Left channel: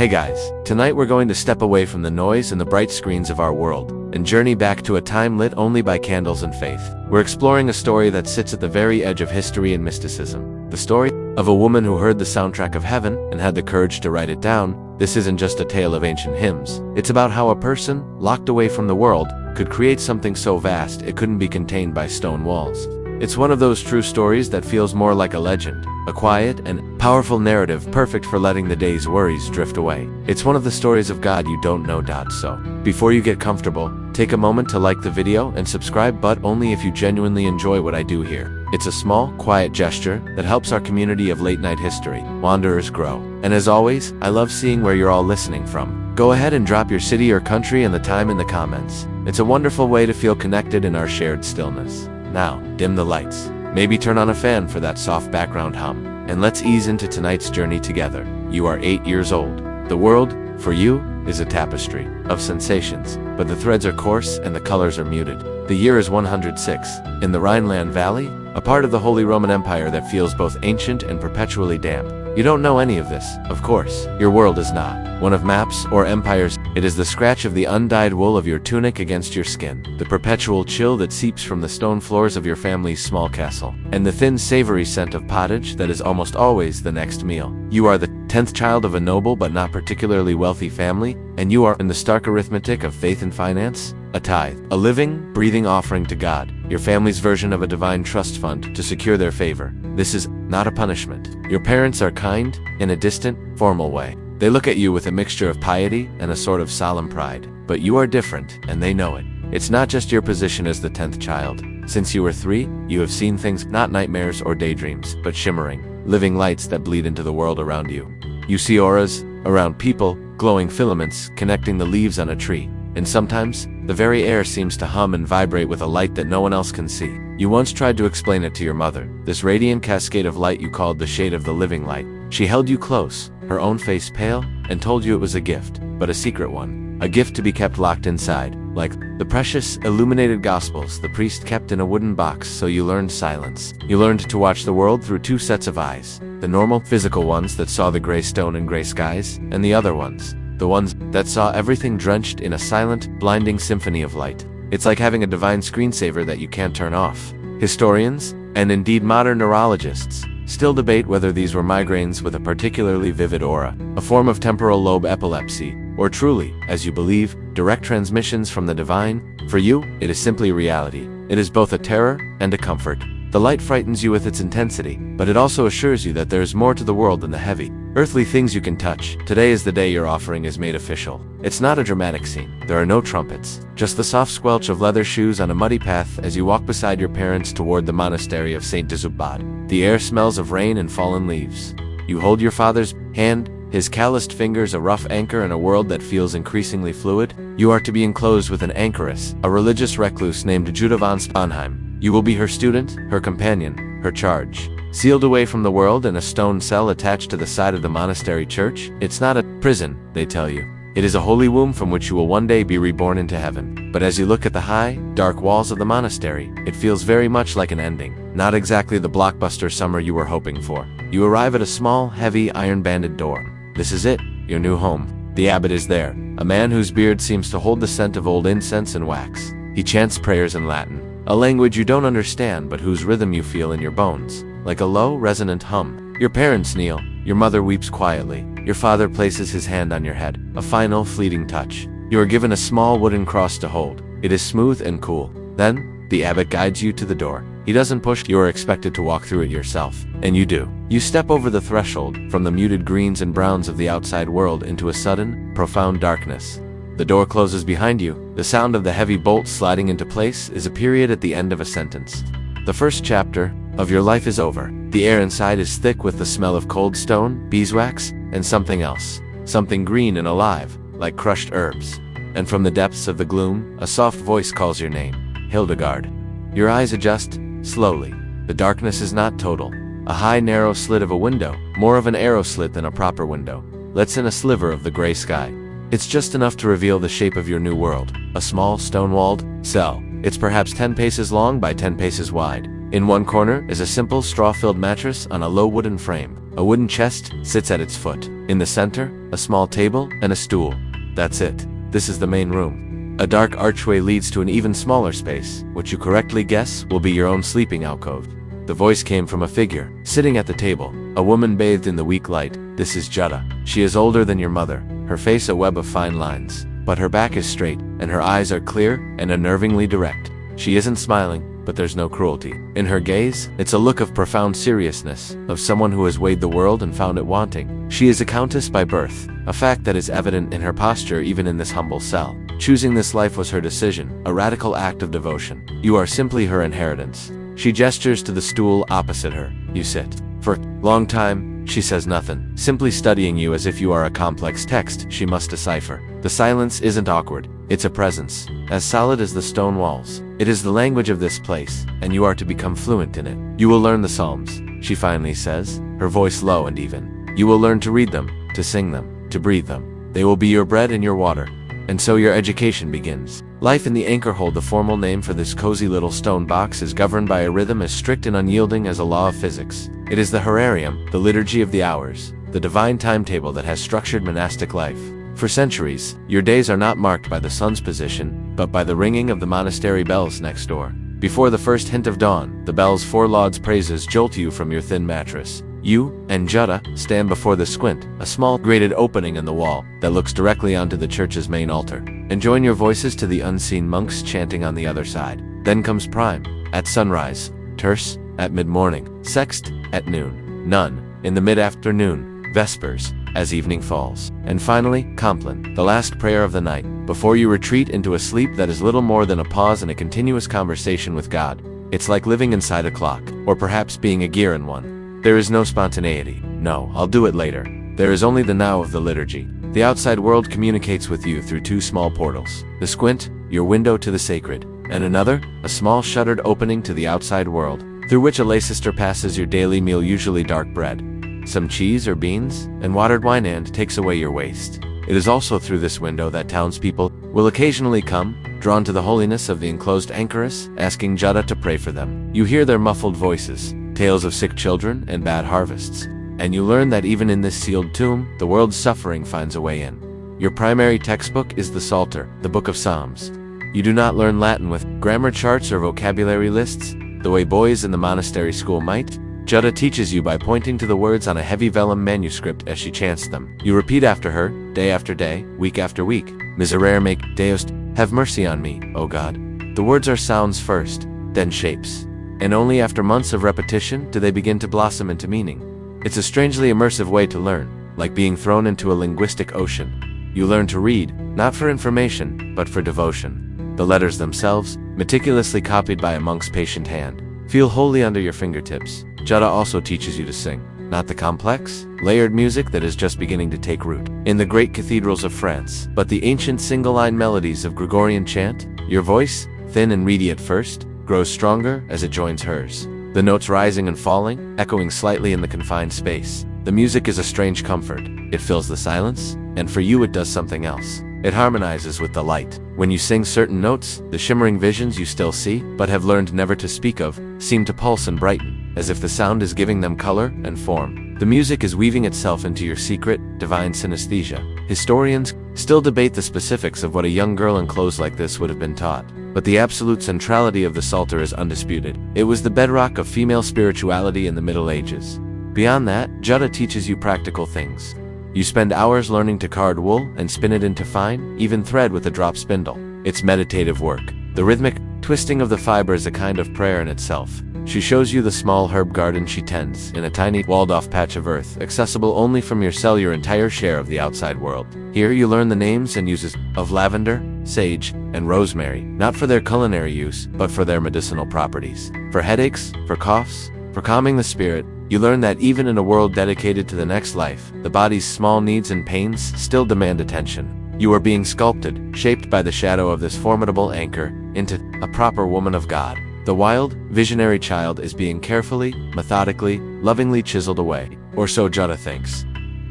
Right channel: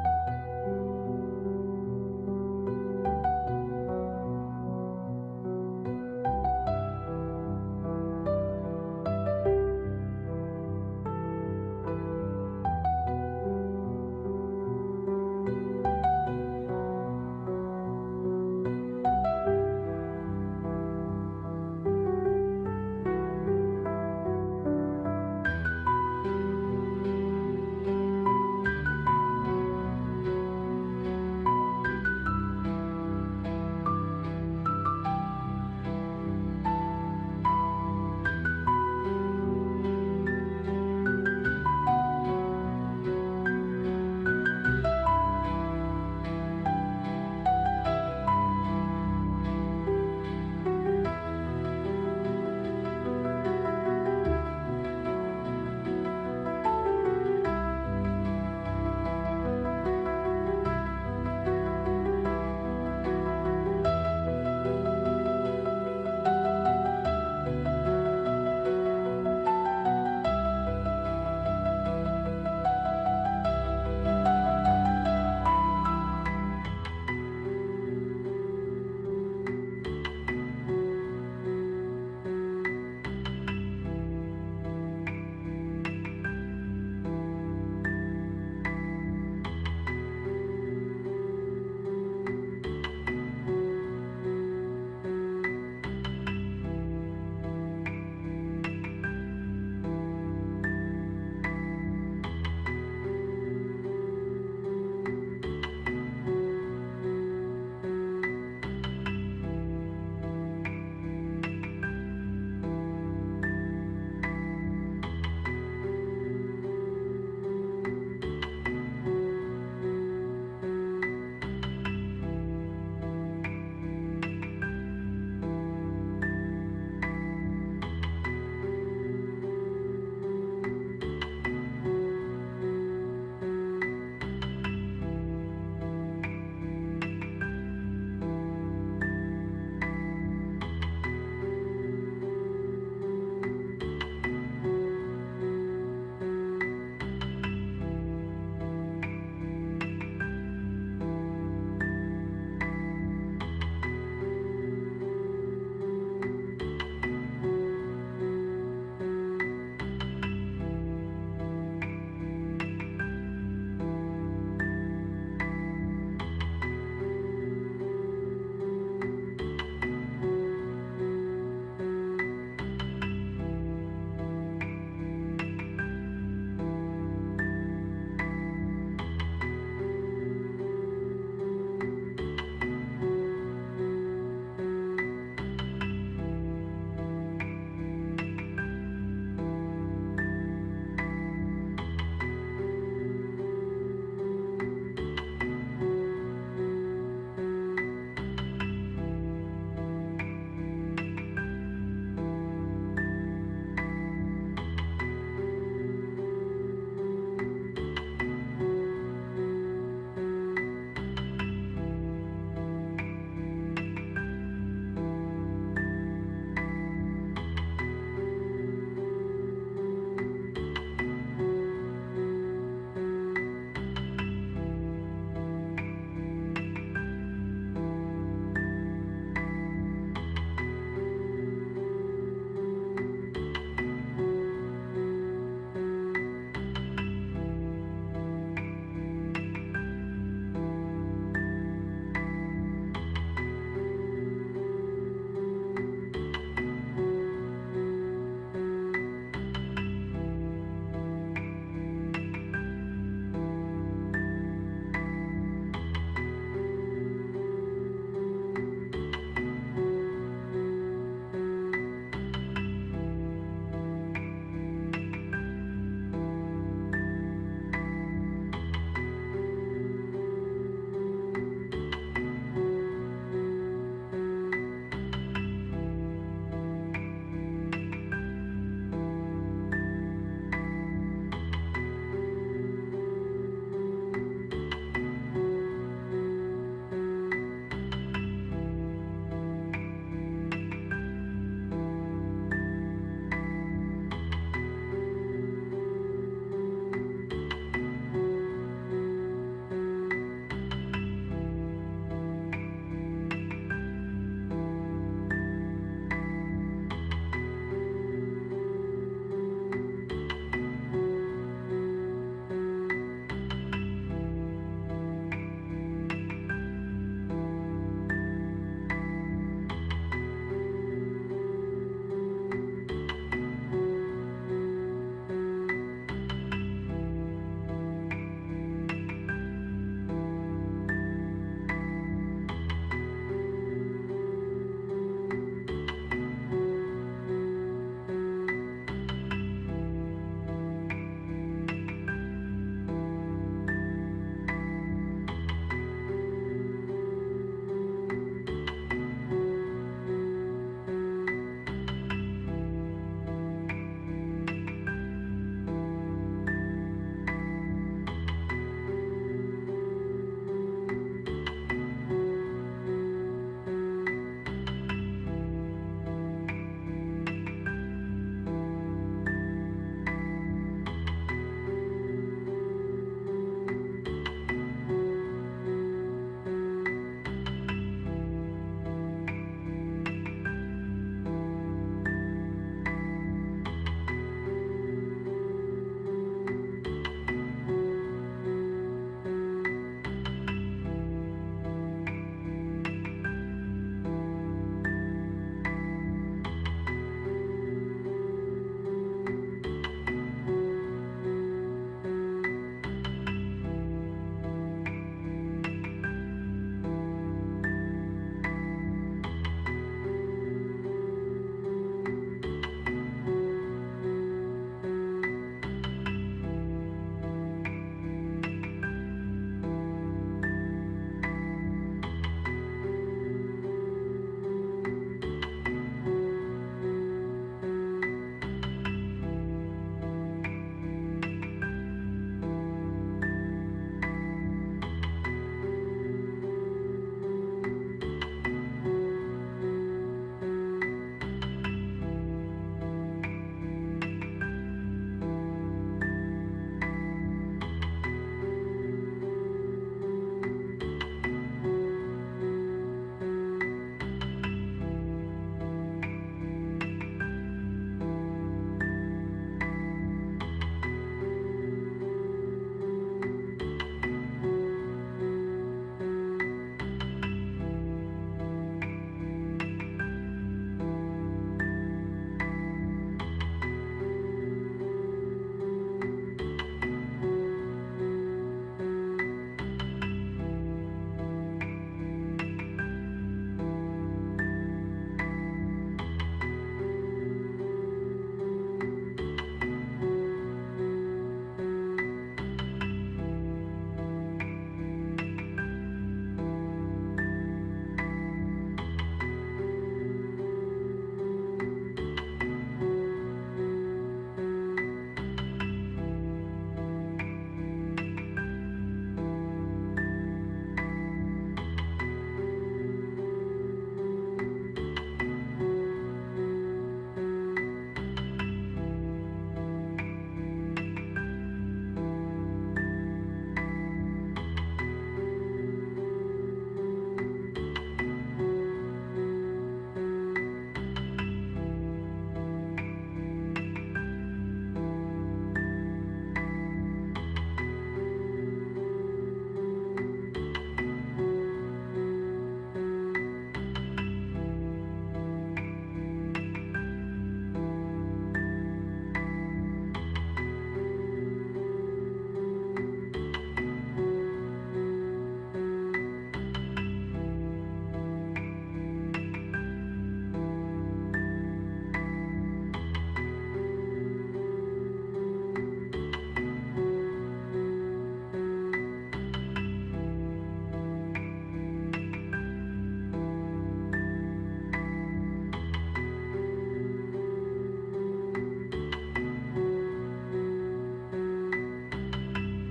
Hey guys, tonight we're going to step away from the noise and the bright screens of our world, and journey back to a time lit only by candles and faith. We're exploring a story that sits at the very edge of history and mysticism. The story of a woman who heard the soundtrack of heaven and had the courage to write it down. This isn't just a tale of ancient hymns. It's about how a person, locked away from the world, could create something so vast it couldn't be contained by stone walls. It's one of those true stories that feels more like a legend, a quiet and powerful narrative perfect for letting the day's worries drift away. It's one of the stories of God you don't know. So, before you get comfortable, take a moment to like the video and subscribe, but only if you genuinely enjoy what I do here. It's a small, quiet gesture that helps our community of late-night history wanderers grow. And as always, I love seeing where you're all listening from. Go ahead and drop your city or country and the time in the comments. It's a wonderful way to feel connected in our shared stillness. Now, dim the lights. Maybe turn on a fan for that soft background hum. And let's ease into tonight's journey together. You are 8 years old. The world, for you, is a tapestry of sensations, but the threads are coarse and the colors are muted. The year is 106. In the Rhineland Valley, a part of the Holy Roman Empire that feels both ancient and perpetually damp. You don't know any of this, of course. Your world is not one of maps or empires. It is the scratch of the undyed wool of your tunic against your skin, the perpetual chill that seeps from the stone floors of your family's small castle, and the thin savory scent of pottage that is almost always the next meal. You are the 10th child of a noble but not particularly wealthy family, and you are in the stark arithmetic of faith and finance. A tithe, a living, breathing offering to God, your family's version of a divine trust fund to secure their favor. This is not a punishment. Your parents are kind, in a distant, formal way. They look at you with a mixture of piety and a sort of solemn pride. But you are different, and they know it. It's not just your position as the 10th child. Since you were 3, you have seen things, not nightmares or daydreams, but shimmering, living lights that bleed into the world around you. You see auras around people, glowing filaments connecting the leaves on a tree. And sometimes, the very air seems to hum and vibrate with a light that no one else can see. You once tried to explain it to your mother, this radiant cascade of light you called the shade of the living light. She held you close, her own face pale, and told you it was a gift, but a secret one. A gift to be kept locked inside, like the precious, illuminated Gospels the priest kept in a wooden box. So you learned silence. You learned to watch the world through 2 sets of eyes. The normal, physical ones that saw the gray stone and gray skies, and the other ones, the ones that saw everything drenched in a silent, blinding symphony of light. It's like having a divine screensaver that you can't turn off. Historians, and indeed modern neurologists, still debate whether these were migraines with a particularly vivid aura, a form of temporal lobe epilepsy, or truly, as you believe, direct transmissions from the divine. For you, it is simply reality. It is both a terror and a comfort. The light frightens you with its intensity, but it also assures you that there is more to the world than the heavy, earthly things you can touch. Today is the day your offering is made official. It's not a dramatic scene. There are no trumpets, just the soft squelch of leather shoes on a muddy path as you walk beside your parents toward the Monastery of St. Disubad. The air smells of rain and fallen leaves. You hold your father's hand, his calloused fingers a rough anchor in a world that feels increasingly fluid. You are to be enclosed with an anchoress, a religious recluse named Judah von Sponheim. You will be her student, her companion, her charge. Sealed away from the world in a stone cell attached to the side of the monastery church, it's not a prison, they tell you. It is a holy womb from which you will one day be reborn into heaven. But as you look at the high, dark walls of the monastery, it feels very much like an ending. Not exactly the blockbuster summer you were hoping for. You arrive at a small, heavy, iron-banded door. This is it, your new home. The abbot is there, a man whose beard seems to hold the scent of old incense and wax. He chants prayers in Latin, a language you don't understand but whose rhythm you feel in your bones, like a low, resonant hum. Your parents kneel, your mother weeps quietly, your father places his hand on your head, a final, fleeting touch. You are given a small wooden cross to hold. It is smooth and cool. Then, the abbot guides you to the door. He doesn't push, you are expected to walk through it yourself. And you do. You step over the threshold, from the muted greens and browns of the outside world into a sudden, profound darkness. The door closes behind you. The sound of the heavy bolts sliding into place is a period at the end of a sentence. The first chapter of your life is over. The air inside is thick with the smell of cold stone, beeswax, and something else. Something green and alive, like crushed herbs. And from the depths of the gloom, a soft voice calls your name, Hildegard. Your eyes adjust, slowly. The darkness is not total. A high, narrow slit of a window, more of an arrow slit than a proper window, lets in a sliver of the gray sky. It's just enough to reveal the shape of your new world. A small, stone-walled cell. It's perhaps 10 paces long by 10 paces wide. In one corner is a simple straw-filled mattress on a low wooden frame. A wooden chest sits at its foot. In the center, a small table and a stool. That's it. This is the main room. A dark archway leads to an even smaller space, which you correctly guess will be your own sleeping alcove. The voice came from a figure, sitting at the table, a woman bathed in the weak light. This is Jutta. She is older than your mother, her face a web of fine lines, but her back is straight, and her eyes are clear and unnervingly direct. She isn't smiling, but there's no cruelty. In her gaze, it's a look of profound seriousness, of someone who has weighed the world and found it wanting. She is a countess by birth, a fact that is evident in her posture even in this humble cell. Choosing this life was her decision, a radical act of devotion. You are simply her inheritance. She gestures to the stool opposite her. You sit. For a long time, she says nothing, simply studying you as if you are a complex text she must decipher. The silence isn't awkward, it's a presence, as solid as the stone walls. It is the language of this place, and you are to become fluent in it. You will learn the Psalms, she finally says, her voice low and even. You will learn to read them, to sing them, to breathe them. They will be your bread and your water. And so your education begins. Life in the Anchorhold, the formal name for this cozy little stone box, is governed by a rhythm as strict and unyielding as a law of physics. It is the Horarium, the liturgy of the hours, the divine timetable that has structured monastic life. For centuries, your days are not marked by the sun's position, but by the ringing of the monastery bells next door. Before the first hint of dawn, the bell's four lauds praises jolt you from your thin mattress. You and Jutta stand before the squint, a small grated opening in the wall that looks directly onto the church's main altar, and join your voices to the unseen monks chanting on the other side. Then comes prime, at sunrise, terce, at mid-morning, sext, at noon, none, in the mid-afternoon, vespers, as evening falls, and finally, compline, the last prayer of the night, before you retreat into a sleep that is little more than a pause in a continuous conversation with God. It's like living inside a clock, or perhaps being a gear in one. There is no spontaneity. No, I'll do it later. There is only the now of the liturgy. The outside world communicates with you through two small portals. The squint, your window to the sacred, and another, a small shuttered opening to the outside world, through which a lay sister passes your daily meal, usually dark bread, some cheese or beans, and watered wine, and takes away your waste. It is also through this window that townspeople will occasionally come, drawn to the holiness of the enclosed anchoress, asking Jutta to pray for them. You hear their muffled voices, tales of sick children and bad harvests, and you learn that even in this sealed tomb, the world's suffering finds a way in. Your primary textbook is the Psalter, the Book of Psalms. You do not learn Latin with grammar charts or vocabulary lists, the way boys in the monastery school might. Jutta teaches you by pointing to the words on a heavy vellum manuscript as she chants them. You repeat after her, day after day, week after week. Miserere me, Deus, have mercy on me, O God. The words are sounds first, then shapes. And only after months of repetition do they begin to blossom into meaning. It's a strangely immersive way to learn, like being thrown into a linguistic ocean. You learn to read, not for information, but for devotion. The letters themselves, meticulously copied by a monk's patient hand, feel wholly under your fingertips. Jutta also teaches you to sing, not the complex, layered music that is just beginning to take root in the great cathedrals of France, but the ancient single-line melodies of Gregorian chant. Your voice, thin and reedy at first, grows stronger as it joins hers, the notes rising and falling, echoing slightly in the confined space. The music is a strange comfort. It fills the silence, and for you it does something else. It harmonizes with the light. When you sing certain notes, the shimmering visions you still see, but have learned never to speak of, seem to pulse and brighten, as if the sound is giving them color and form. The music is weaving itself into your secret, divine synesthesia. Historians still debate the specifics of what a young girl in clothes like this would have been taught. But the absolute centrality of the Psalter is undisputed. It was the bedrock of female spirituality in the Middle Ages. Beyond that, Jutta teaches you practical things. You spend hours learning to card wool and spin it into fine, even thread with a drop spindle. It's meditative work. The rhythmic twisting of the fiber is a kind of prayer in itself. She shows you the small herb garden she tends in a tiny, walled-off patch of earth, accessible only from your cell, your entire share of the outside world. Here you learn the names and uses of lavender, sage, and rosemary, not for their culinary use, but for their medicinal properties. For headaches, for coughs, for calming the spirit, you learn that even in a world dedicated to the next life, the body's small needs and pains still demand attention. You are being sculpted, shaped by the shadow of this formidable anchor, into a proper woman of God. The wild, visionary child is being carefully, methodically, lovingly chiseled away, or so Jutta thinks.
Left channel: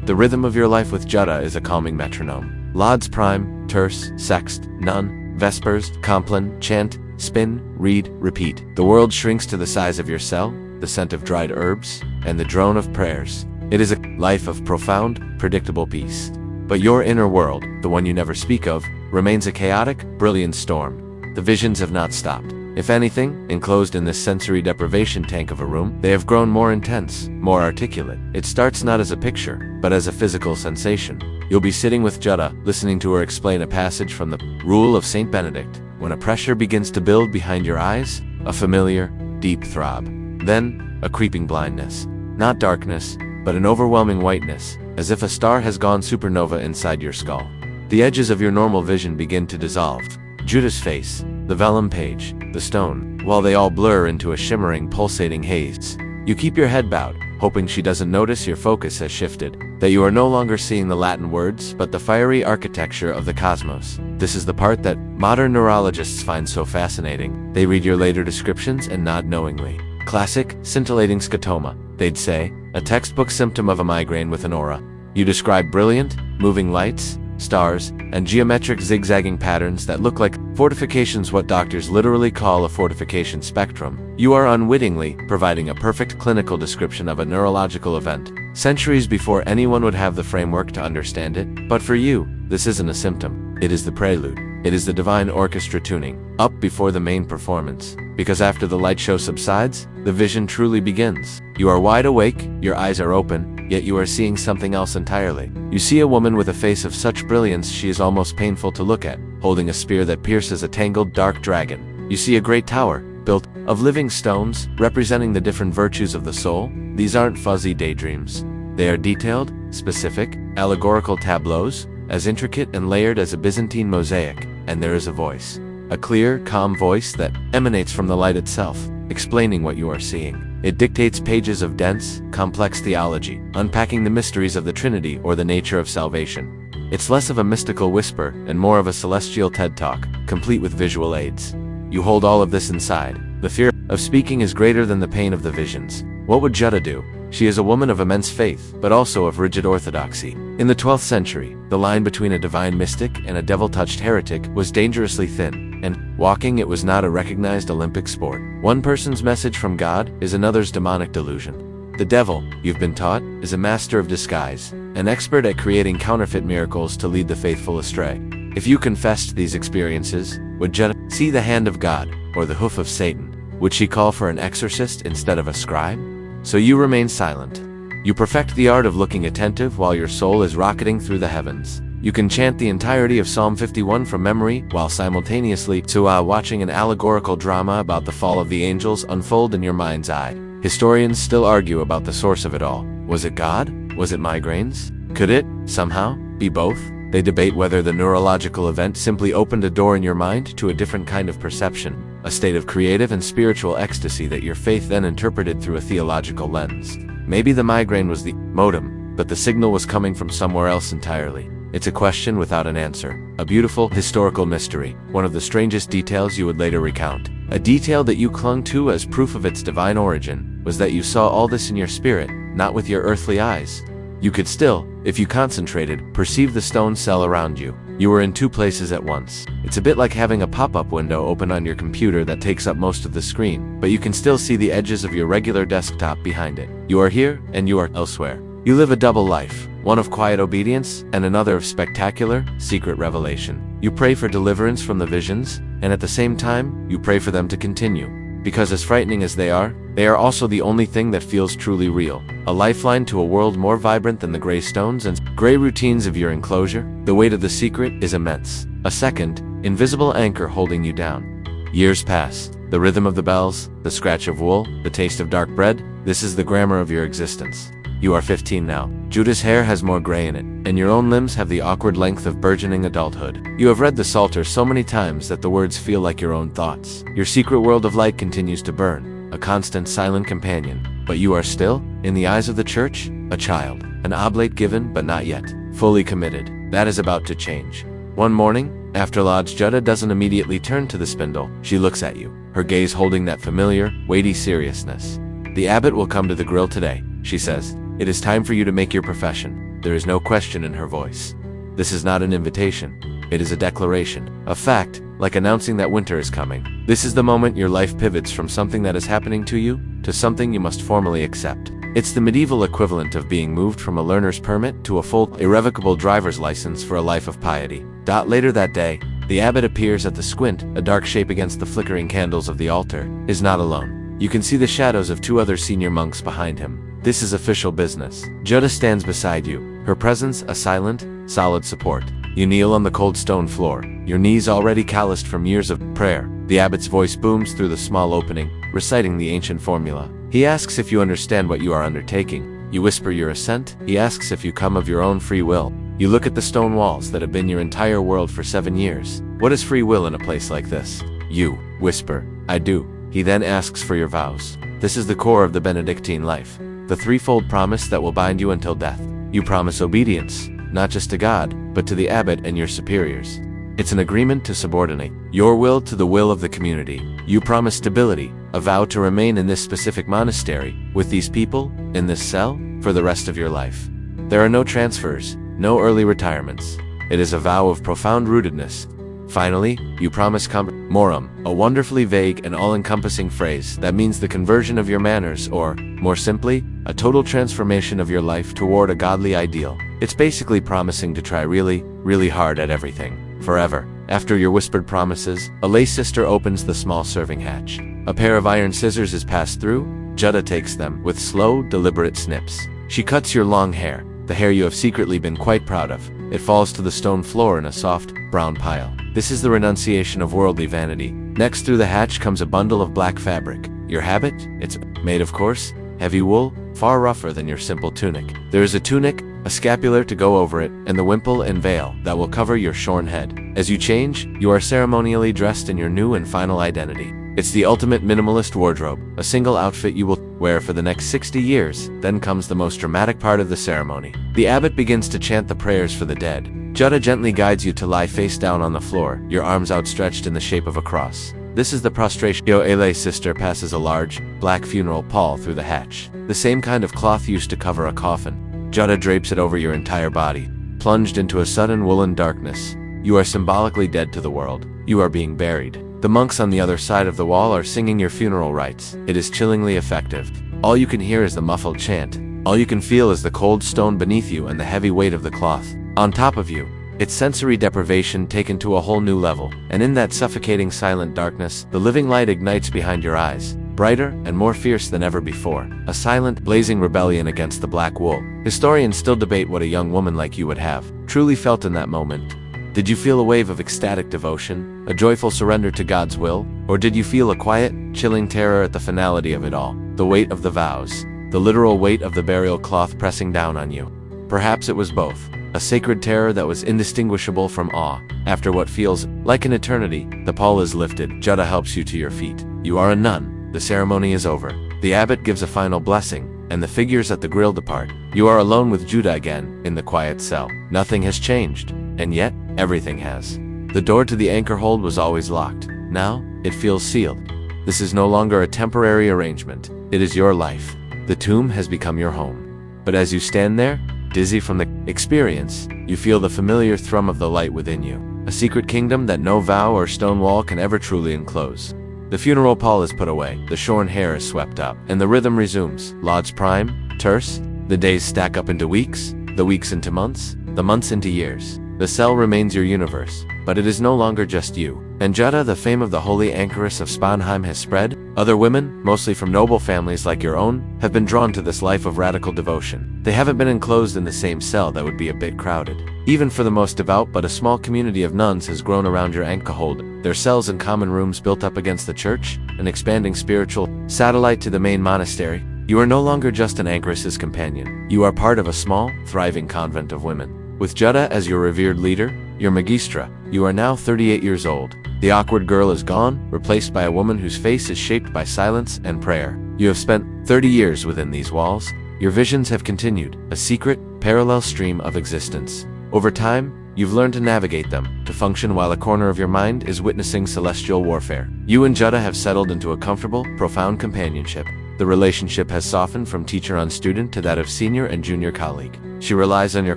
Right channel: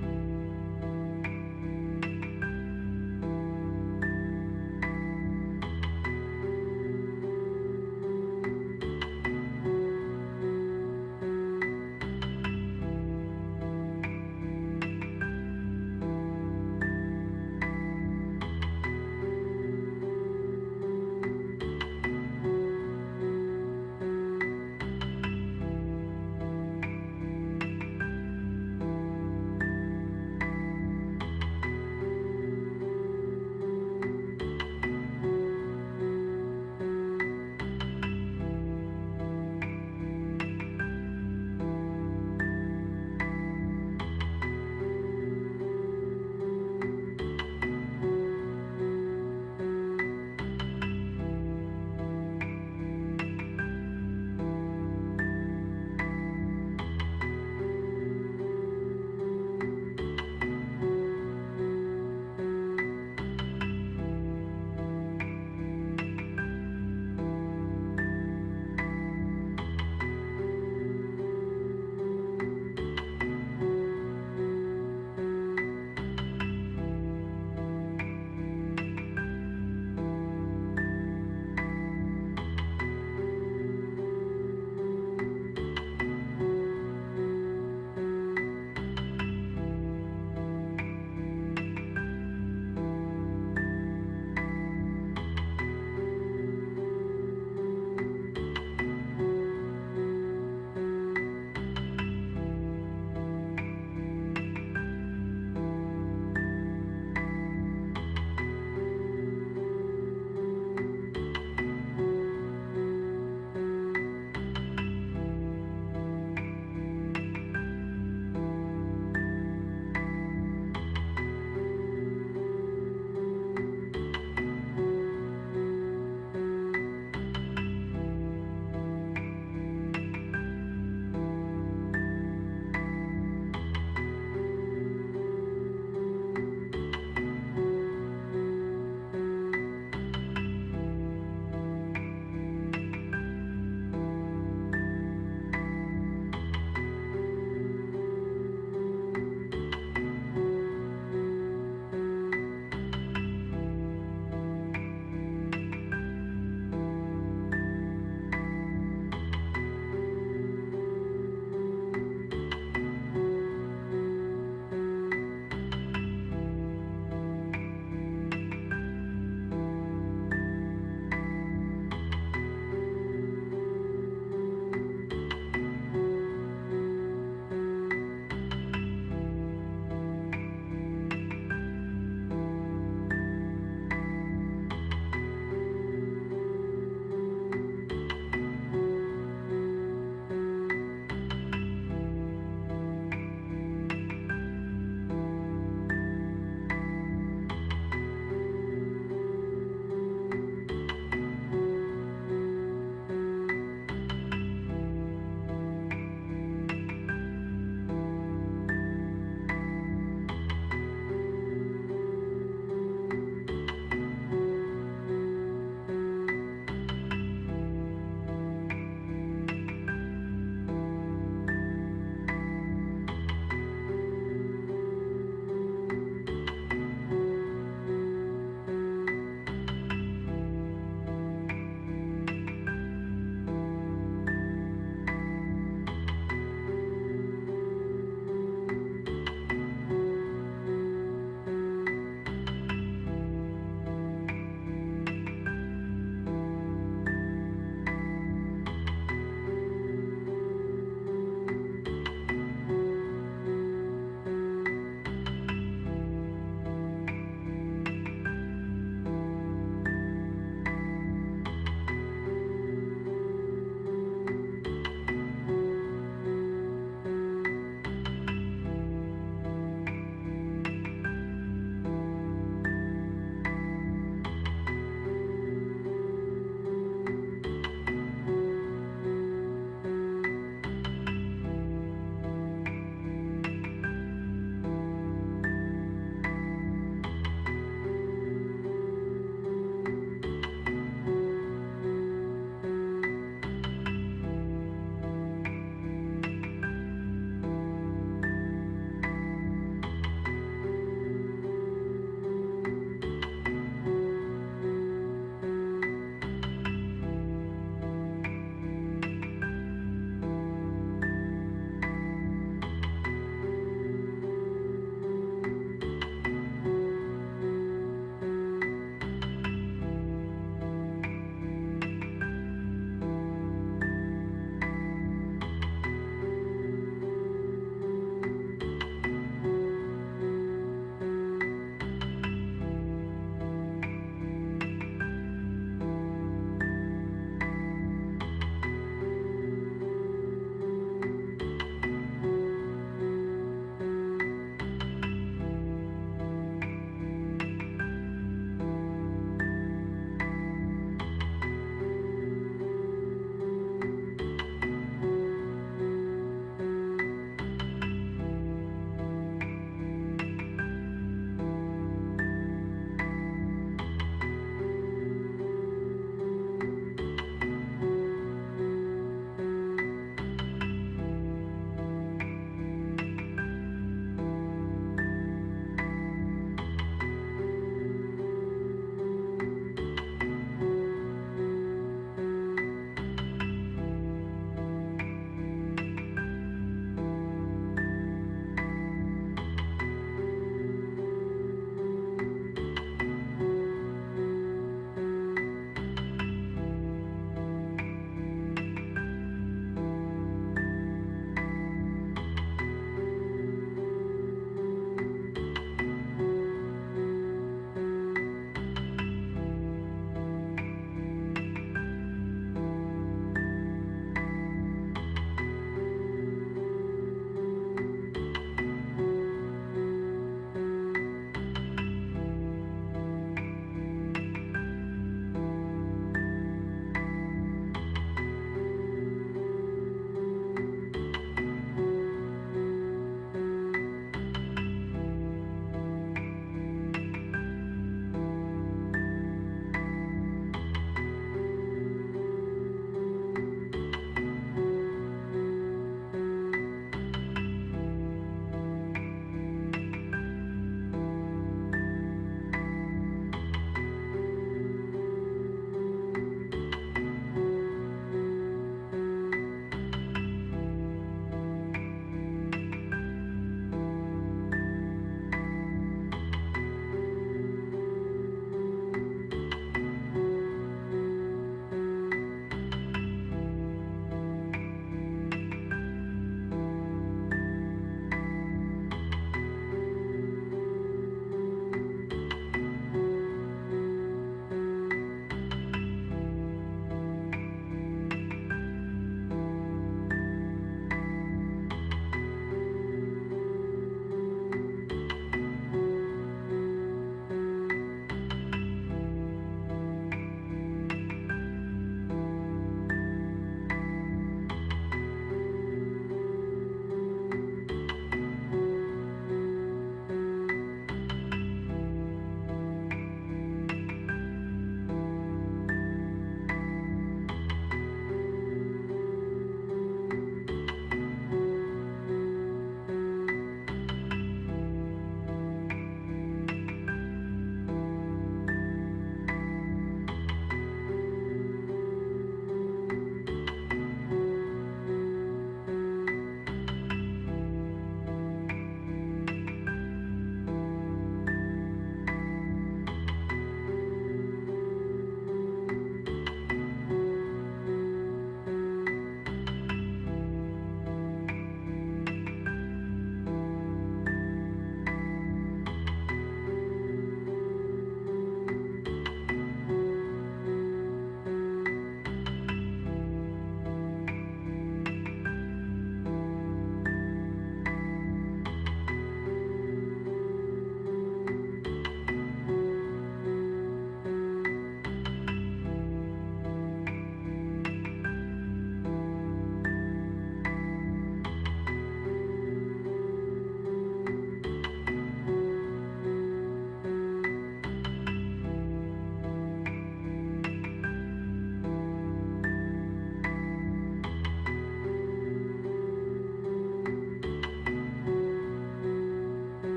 The rhythm of your life with Jutta is a calming metronome. Lauds prime, terce, sext, none, vespers, compline, chant, spin, read, repeat. The world shrinks to the size of your cell, the scent of dried herbs, and the drone of prayers. It is a life of profound, predictable peace. But your inner world, the one you never speak of, remains a chaotic, brilliant storm. The visions have not stopped. If anything, enclosed in this sensory deprivation tank of a room, they have grown more intense, more articulate. It starts not as a picture, but as a physical sensation. You'll be sitting with Jutta, listening to her explain a passage from the Rule of Saint Benedict, when a pressure begins to build behind your eyes, a familiar, deep throb. Then, a creeping blindness. Not darkness, but an overwhelming whiteness, as if a star has gone supernova inside your skull. The edges of your normal vision begin to dissolve. Jutta's face, the vellum page, the stone, while they all blur into a shimmering, pulsating haze. You keep your head bowed, hoping she doesn't notice your focus has shifted, that you are no longer seeing the Latin words, but the fiery architecture of the cosmos. This is the part that modern neurologists find so fascinating. They read your later descriptions and nod knowingly. Classic, scintillating scotoma, they'd say, a textbook symptom of a migraine with an aura. You describe brilliant, moving lights, stars, and geometric zigzagging patterns that look like fortifications, what doctors literally call a fortification spectrum. You are unwittingly providing a perfect clinical description of a neurological event, centuries before anyone would have the framework to understand it. But for you, this isn't a symptom. It is the prelude. It is the divine orchestra tuning, up before the main performance. Because after the light show subsides, the vision truly begins. You are wide awake, your eyes are open, yet you are seeing something else entirely. You see a woman with a face of such brilliance she is almost painful to look at, holding a spear that pierces a tangled dark dragon. You see a great tower, built of living stones, representing the different virtues of the soul. These aren't fuzzy daydreams. They are detailed, specific, allegorical tableaus, as intricate and layered as a Byzantine mosaic. And there is a voice. A clear, calm voice that emanates from the light itself, explaining what you are seeing. It dictates pages of dense, complex theology, unpacking the mysteries of the Trinity or the nature of salvation. It's less of a mystical whisper and more of a celestial TED Talk, complete with visual aids. You hold all of this inside. The fear of speaking is greater than the pain of the visions. What would Jutta do? She is a woman of immense faith, but also of rigid orthodoxy. In the 12th century, the line between a divine mystic and a devil-touched heretic was dangerously thin, and walking it was not a recognized Olympic sport. One person's message from God is another's demonic delusion. The devil, you've been taught, is a master of disguise, an expert at creating counterfeit miracles to lead the faithful astray. If you confessed these experiences, would Jutta see the hand of God, or the hoof of Satan? Would she call for an exorcist instead of a scribe? So you remain silent. You perfect the art of looking attentive while your soul is rocketing through the heavens. You can chant the entirety of Psalm 51 from memory while simultaneously watching an allegorical drama about the fall of the angels unfold in your mind's eye. Historians still argue about the source of it all. Was it God? Was it migraines? Could it, somehow, be both? They debate whether the neurological event simply opened a door in your mind to a different kind of perception, a state of creative and spiritual ecstasy that your faith then interpreted through a theological lens. Maybe the migraine was the modem, but the signal was coming from somewhere else entirely. It's a question without an answer, a beautiful historical mystery, one of the strangest details you would later recount. A detail that you clung to as proof of its divine origin was that you saw all this in your spirit, not with your earthly eyes. You could still, if you concentrated, perceive the stone cell around you. You were in two places at once. It's a bit like having a pop-up window open on your computer that takes up most of the screen, but you can still see the edges of your regular desktop behind it. You are here, and you are elsewhere. You live a double life, one of quiet obedience, and another of spectacular, secret revelation. You pray for deliverance from the visions, and at the same time, you pray for them to continue. Because as frightening as they are also the only thing that feels truly real. A lifeline to a world more vibrant than the gray stones and gray routines of your enclosure. The weight of the secret is immense. A second, invisible anchor holding you down. Years pass. The rhythm of the bells, the scratch of wool, the taste of dark bread. This is the grammar of your existence. You are 15 now. Jutta's hair has more gray in it, and your own limbs have the awkward length of burgeoning adulthood. You have read the Psalter so many times that the words feel like your own thoughts. Your secret world of light continues to burn, a constant silent companion. But you are still, in the eyes of the church, a child, an oblate given but not yet, fully committed. That is about to change. One morning, after lodge, Jutta doesn't immediately turn to the spindle. She looks at you, her gaze holding that familiar, weighty seriousness. The abbot will come to the grill today, she says. It is time for you to make your profession. There is no question in her voice. This is not an invitation. It is a declaration, a fact, like announcing that winter is coming. This is the moment your life pivots from something that is happening to you to something you must formally accept. It's the medieval equivalent of being moved from a learner's permit to a full, irrevocable driver's license for a life of piety. Later that day, the abbot appears at the squint, a dark shape against the flickering candles of the altar, is not alone. You can see the shadows of two other senior monks behind him. This is official business. Jutta stands beside you, her presence a silent, solid support. You kneel on the cold stone floor, your knees already calloused from years of prayer. The abbot's voice booms through the small opening, reciting the ancient formula. He asks if you understand what you are undertaking. You whisper your assent. He asks if you come of your own free will. You look at the stone walls that have been your entire world for 7 years. What is free will in a place like this? You whisper, I do. He then asks for your vows. This is the core of the Benedictine life, the threefold promise that will bind you until death. You promise obedience, not just to God, but to the abbot and your superiors. It's an agreement to subordinate your will to the will of the community. You promise stability, a vow to remain in this specific monastery, with these people, in this cell, for the rest of your life. There are no transfers, no early retirements. It is a vow of profound rootedness. Finally, you promise morum, a wonderfully vague and all-encompassing phrase that means the conversion of your manners or, more simply, a total transformation of your life toward a godly ideal. It's basically promising to try really, really hard at everything, forever. After your whispered promises, a lay sister opens the small serving hatch. A pair of iron scissors is passed through. Jutta takes them with slow, deliberate snips. She cuts your long hair, the hair you have secretly been quite proud of. It falls to the stone floor in a soft, brown pile. This is the renunciation of worldly vanity. Next through the hatch comes a bundle of black fabric. Your habit? It's made of coarse, heavy wool, far rougher than your simple tunic. There is a tunic, a scapular to go over it, and the wimple and veil that will cover your shorn head. As you change, you are ceremonially dressed in your new and final identity. It's the ultimate minimalist wardrobe, a single outfit you will wear for the next 60 years. Then comes the most dramatic part of the ceremony. The abbot begins to chant the prayers for the dead. Jutta gently guides you to lie face down on the floor, your arms outstretched in the shape of a cross. This is the prostration. A lay sister passes a large, black funeral pall through the hatch, the same kind of cloth used to cover a coffin. Jutta drapes it over your entire body, plunged into a sudden woolen darkness. You are symbolically dead to the world. You are being buried. The monks on the other side of the wall are singing your funeral rites. It is chillingly effective. All you can hear is the muffled chant. All you can feel is the cold stone beneath you and the heavy weight of the cloth on top of you. It's sensory deprivation taken to a whole new level. And in that suffocating silent darkness, the living light ignites behind your eyes, brighter and more fierce than ever before. A silent, blazing rebellion against the black wool. Historians still debate what a young woman like you would have truly felt in that moment. Did you feel a wave of ecstatic devotion, a joyful surrender to God's will? Or did you feel a quiet, chilling terror at the finality of it all, the weight of the vows, the literal weight of the burial cloth pressing down on you? Perhaps it was both, a sacred terror that was indistinguishable from awe. After what feels like an eternity, the pall is lifted. Jutta helps you to your feet. You are a nun. The ceremony is over. The abbot gives a final blessing, and the figures at the grill depart. You are alone with Jutta again, in the quiet cell. Nothing has changed. And yet, everything has. The door to the anchor hold was always locked. Now, it feels sealed. This is no longer a temporary arrangement. It is your life. The tomb has become your home. But as you stand there, dizzy from the experience, you feel the familiar thrum of the light within you. A secret kingdom that no vow or stone wall can ever truly enclose. The funeral pall is put away, the shorn hair is swept up, and the rhythm resumes. Lauds prime, terse, the days stack up into weeks, the weeks into months, the months into years. The cell remains your universe, but it is no longer just you. And Jutta, the fame of the holy anchoress of Spanheim has spread. Other women, mostly from noble families like your own, have been drawn to this life of radical devotion. They haven't been enclosed in the same cell that would be a bit crowded. Even for the most devout, but a small community of nuns has grown around your anchor hold. Their cells and common rooms built up against the church, an expanding spiritual satellite to the main monastery. You are no longer just an anchoress's companion. You are part of a small, thriving convent of women. With Jutta as your revered leader, your magistra, you are now 38 years old. The awkward girl is gone, replaced by a woman whose face is shaped by silence and prayer. You have spent 30 years within these walls. Your visions have continued, a secret, parallel stream of existence. Over time, you've learned to navigate them, to function while a corner of your mind is witnessing celestial warfare. You and Jutta have settled into a comfortable, profound companionship. The relationship has softened from teacher on student to that of senior and junior colleague. She relies on your